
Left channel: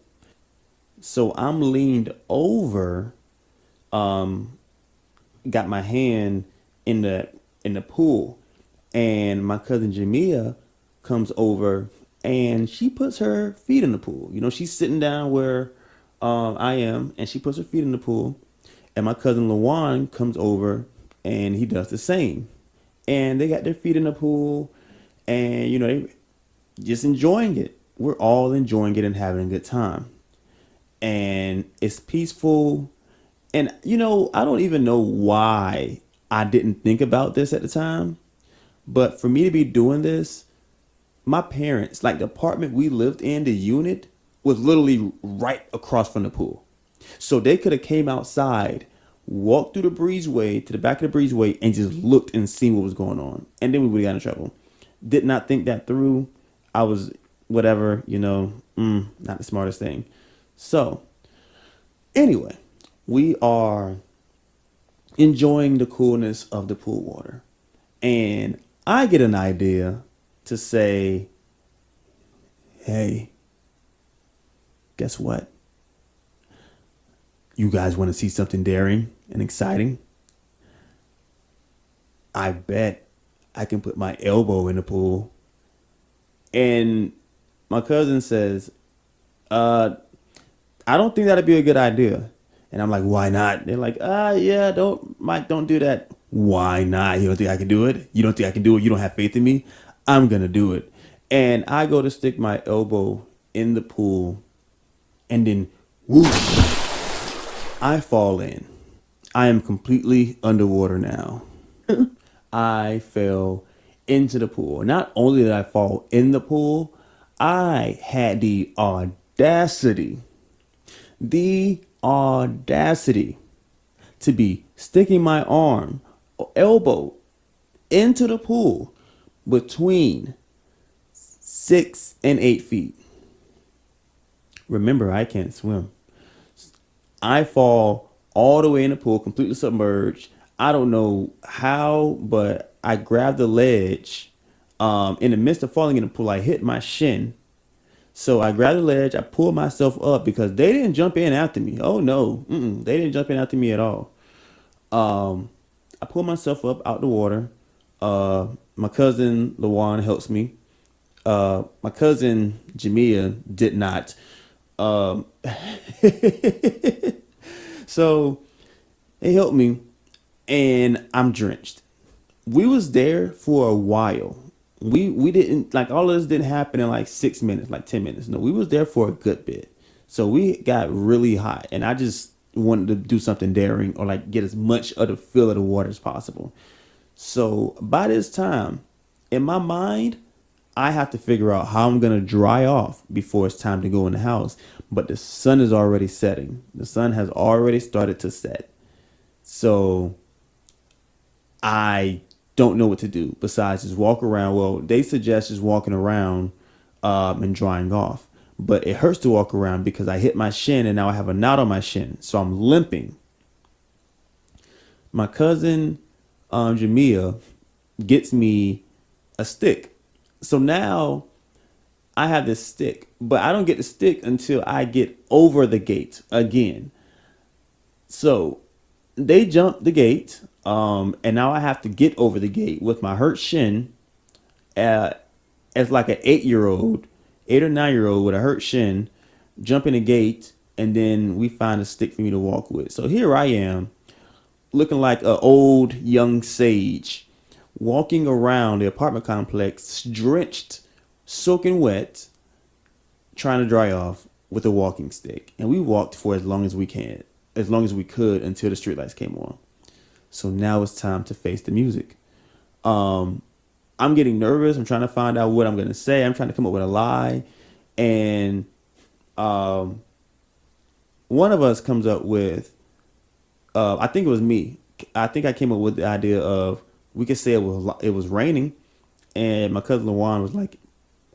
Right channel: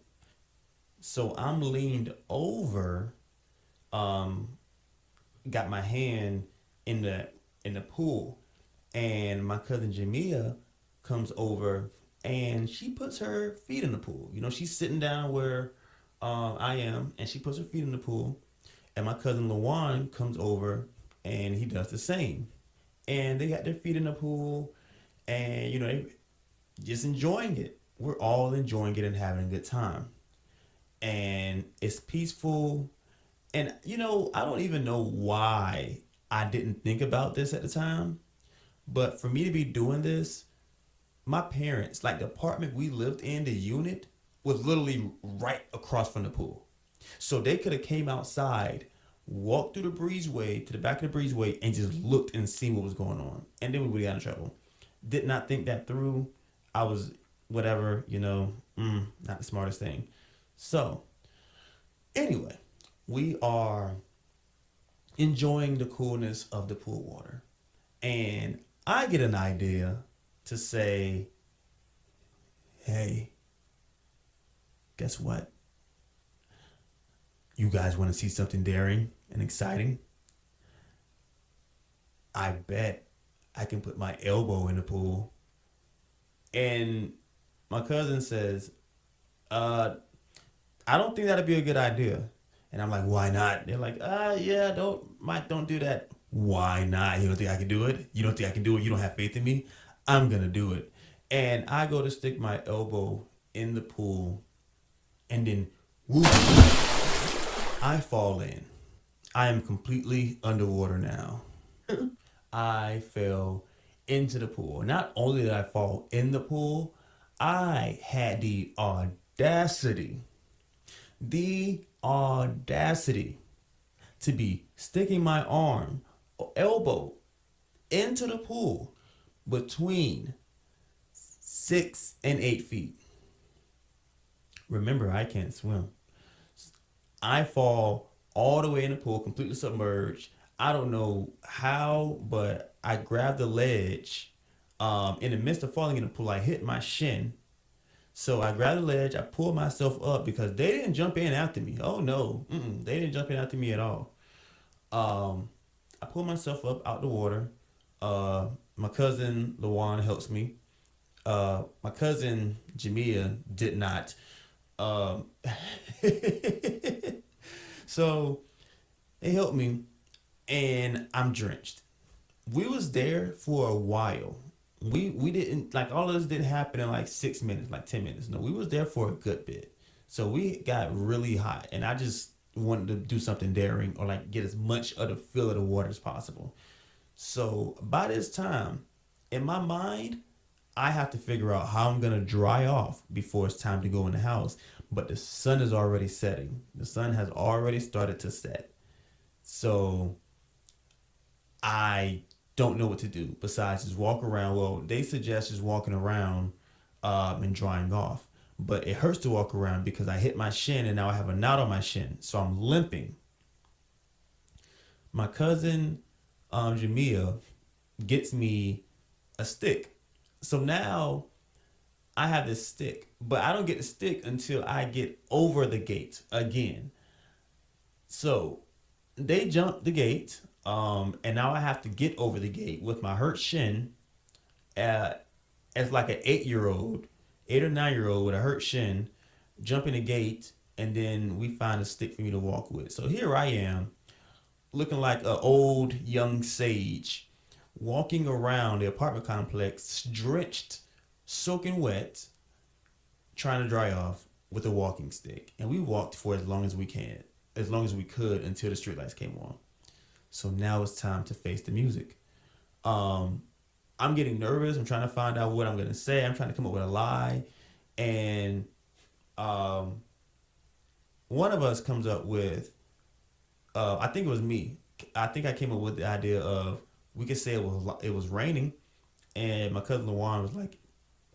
So I'm leaned over, got my hand in the pool, and my cousin Jamia comes over and she puts her feet in the pool. She's sitting down where I am, and she puts her feet in the pool. And my cousin Lawan comes over and he does the same. And they got their feet in the pool, and they just enjoying it. We're all enjoying it and having a good time. And it's peaceful. And I don't even know why I didn't think about this at the time. But for me to be doing this, my parents, like the apartment we lived in, the unit was literally right across from the pool. So they could have came outside, walked through the breezeway to the back of the breezeway, and just looked and seen what was going on, and then we would have got in trouble. Did not think that through. I was whatever, not the smartest thing. So anyway, we are enjoying the coolness of the pool water, and I get an idea to say, hey, guess what? You guys want to see something daring and exciting? I bet I can put my elbow in the pool. And my cousin says, I don't think that'd be a good idea. And I'm like, why not? They're like, yeah, Mike, don't do that. Why not? You don't think I can do it? You don't think I can do it? You don't have faith in me? I'm going to do it. And I go to stick my elbow in the pool, and then whoosh, I fall in. I am completely underwater now. I fell into the pool. Not only did I fall in the pool, I had the audacity to be sticking my arm or elbow into the pool between 6 and 8 feet. Remember, I can't swim. I fall all the way in the pool, completely submerged. I don't know how, but I grabbed the ledge. In the midst of falling in the pool, I hit my shin. So I grabbed the ledge. I pulled myself up because they didn't jump in after me. Oh, no. They didn't jump in after me at all. I pulled myself up out the water. My cousin, Lawan, helps me. My cousin, Jamia, did not. So they helped me, and I'm drenched. We was there for a while. We didn't, like, all of this didn't happen in like 6 minutes, like 10 minutes. No, we was there for a good bit. So we got really hot, and I just wanted to do something daring or like get as much of the feel of the water as possible. So by this time, in my mind, I have to figure out how I'm going to dry off before it's time to go in the house. But the sun is already setting. The sun has already started to set. So I don't know what to do besides just walk around. Well, they suggest just walking around and drying off. But it hurts to walk around because I hit my shin and now I have a knot on my shin. So I'm limping. My cousin, Jamia, gets me a stick. So now I have this stick, but I don't get the stick until I get over the gate again. So they jumped the gate, and now I have to get over the gate with my hurt shin, as like an 8-year-old, 8 or 9-year-old with a hurt shin, jumping the gate, and then we find a stick for me to walk with. So here I am, looking like an old young sage, walking around the apartment complex, drenched, soaking wet, trying to dry off with a walking stick. And we walked for as long as we could until the streetlights came on. So now it's time to face the music. I'm getting nervous. I'm trying to find out what I'm going to say. I'm trying to come up with a lie. And one of us comes up with, I think it was me. I think I came up with the idea of, we could say it was raining. And my cousin Lawan was like,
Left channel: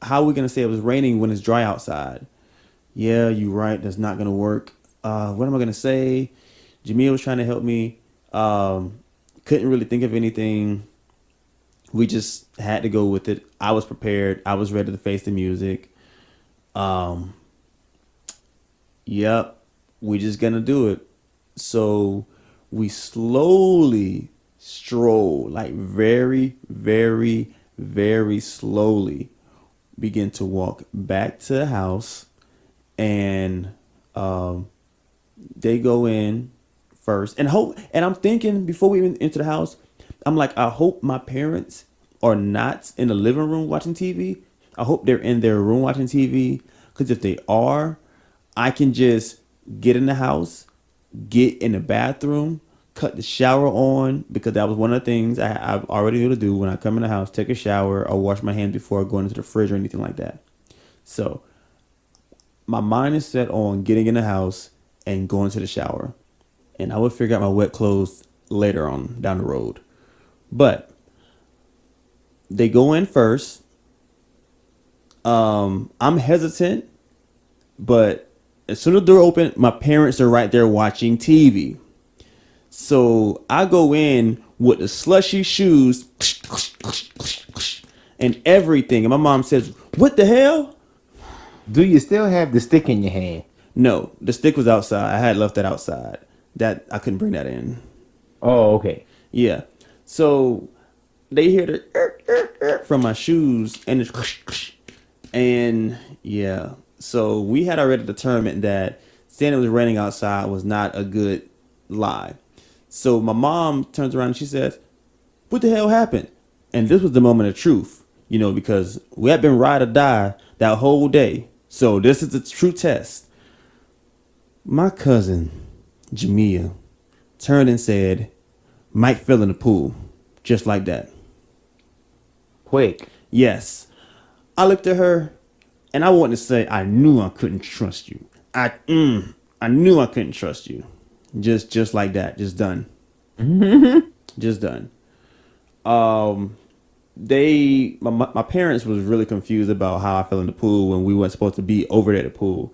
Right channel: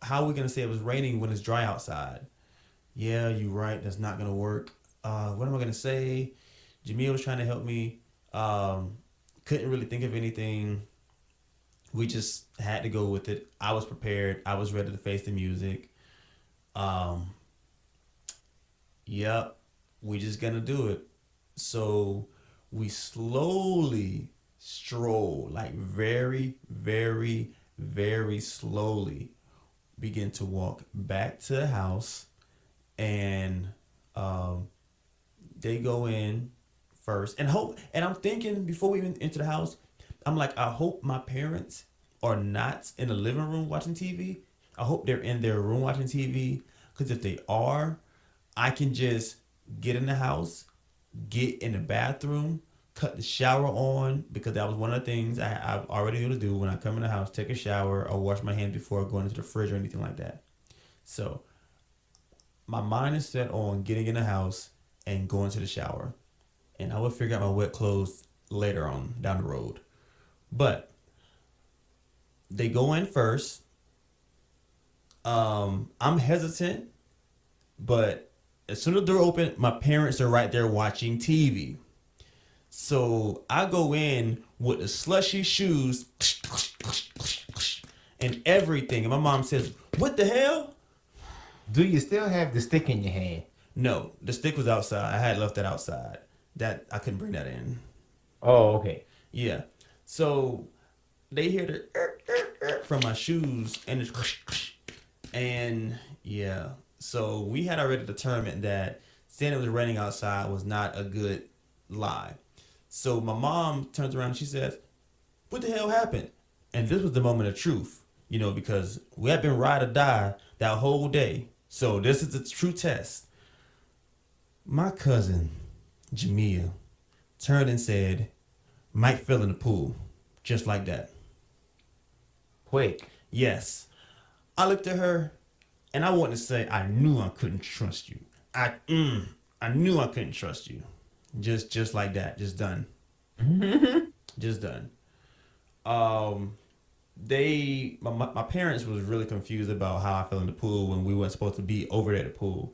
how are we going to say it was raining when it's dry outside? Yeah, you're right. That's not going to work. What am I going to say? Jamil was trying to help me. Couldn't really think of anything. We just had to go with it. I was prepared. I was ready to face the music. Yep, we just going to do it. So we slowly stroll, like very, very, very slowly, begin to walk back to the house. And they go in first, and I'm thinking, before we even enter the house, I'm like, I hope my parents are not in the living room watching TV. I hope they're in their room watching TV, because if they are, I can just get in the house, get in the bathroom, cut the shower on, because that was one of the things I already knew to do when I come in the house: take a shower or wash my hands before going into the fridge or anything like that. So my mind is set on getting in the house, and go into the shower. And I would figure out my wet clothes later on down the road. But they go in first. I'm hesitant, but as soon as the door open, my parents are right there watching TV. So I go in with the slushy shoes and everything. And my mom says, "What the hell?" Do you still have the stick in your hand? No, the stick was outside. I had left that outside. That I couldn't bring that in. Oh, okay. Yeah. So they hear the from my shoes and it's and yeah. So we had already determined that saying it was raining outside was not a good lie. So my mom turns around and she says, "What the hell happened?" And this was the moment of truth, because we had been ride or die that whole day. So this is the true test. My cousin, Jamia, turned and said, "Mike fell in the pool." Just like that. Quick. Yes. I looked at her and I wanted to say, I knew I couldn't trust you. I knew I couldn't trust you. Just like that. Just done. Just done. My parents was really confused about how I fell in the pool when we weren't supposed to be over there at the pool.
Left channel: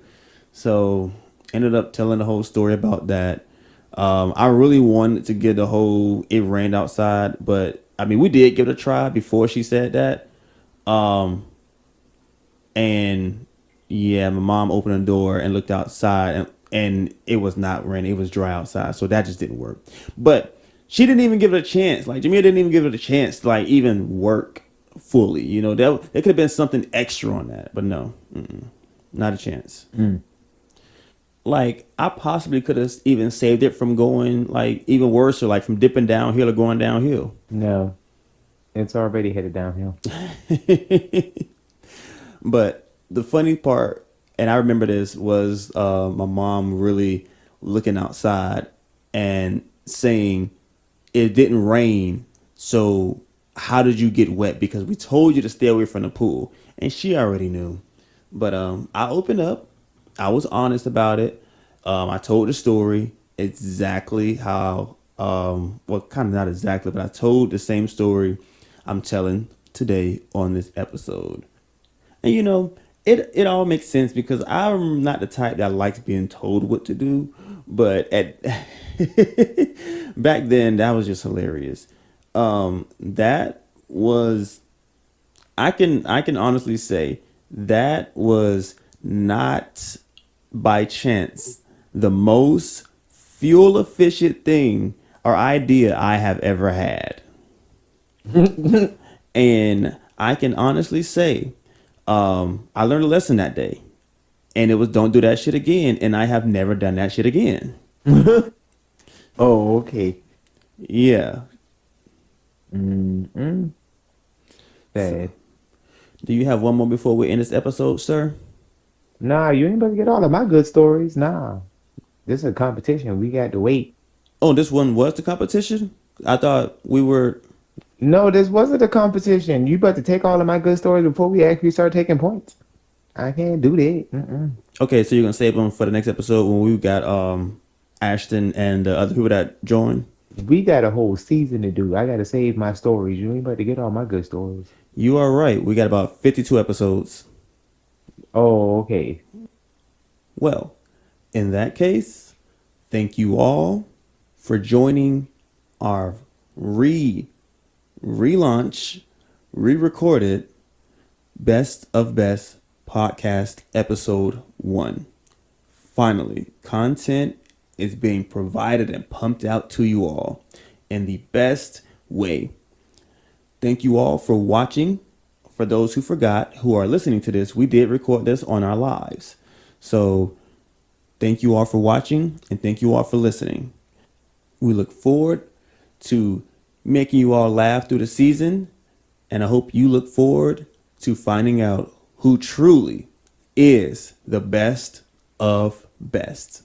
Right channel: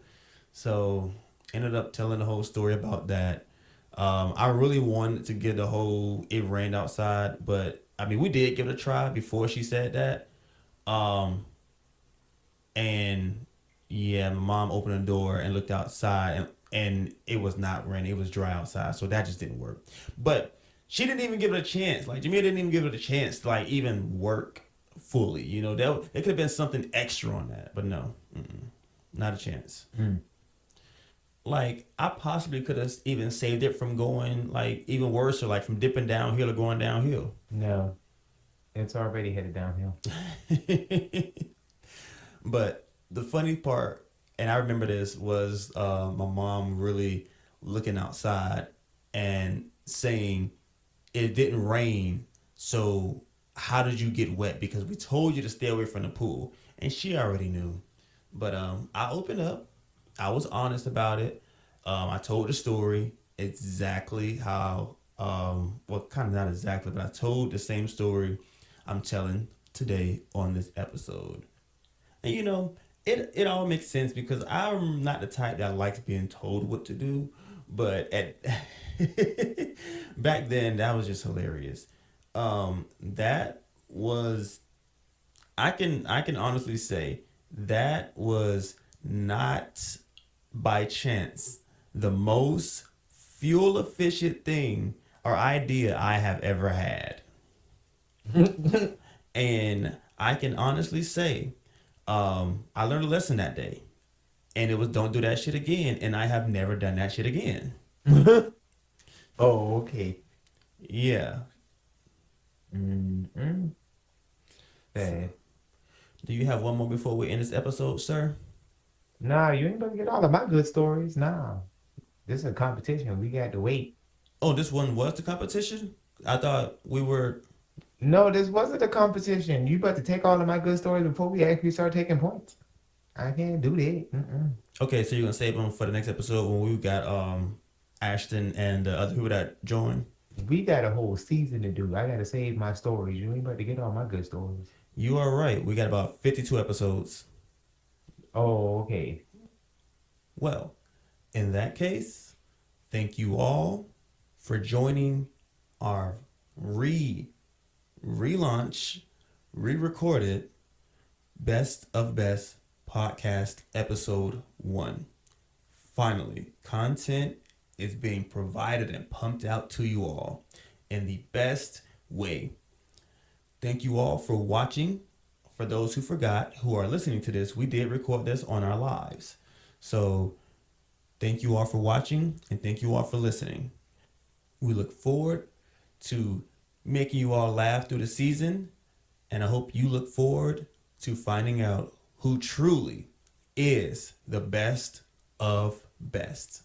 So ended up telling the whole story about that. I really wanted to get the whole it rained outside, but I mean we did give it a try before she said that. And yeah, my mom opened the door and looked outside and it was not raining, it was dry outside. So that just didn't work. But she didn't even give it a chance. Like Jamia didn't even give it a chance to like even work fully. There could have been something extra on that, but no, not a chance. Like I possibly could have even saved it from going like even worse or like from dipping downhill or going downhill. No, it's already headed downhill. But the funny part, and I remember this, was my mom really looking outside and saying, "It didn't rain, so how did you get wet? Because we told you to stay away from the pool." And she already knew. But I opened up. I was honest about it. I told the story exactly how, well, kind of not exactly, but I told the same story I'm telling today on this episode. And it all makes sense because I'm not the type that likes being told what to do. But back then, that was just hilarious. That was, I can honestly say that was not by chance the most fuel efficient thing or idea I have ever had. And I can honestly say, I learned a lesson that day, and it was don't do that shit again. And I have never done that shit again. Oh, okay. Yeah. Sad. Do you have one more before we end this episode, sir? Nah, you ain't about to get all of my good stories. Nah. This is a competition. We got to wait. Oh, this one was the competition? I thought we were. No, this wasn't a competition. You about to take all of my good stories before we actually start taking points. I can't do that. Okay, so you're going to save them for the next episode when we got Ashton and the other people that join? We got a whole season to do. I got to save my stories. You ain't about to get all my good stories. You are right. We got about 52 episodes. Oh, okay. Well, in that case, thank you all for joining our relaunch, re-recorded Best of Best podcast episode 1. Finally, content is being provided and pumped out to you all in the best way. Thank you all for watching. For those who forgot, who are listening to this, we did record this on our lives. So thank you all for watching and thank you all for listening. We look forward to making you all laugh through the season. And I hope you look forward to finding out who truly is the best of best.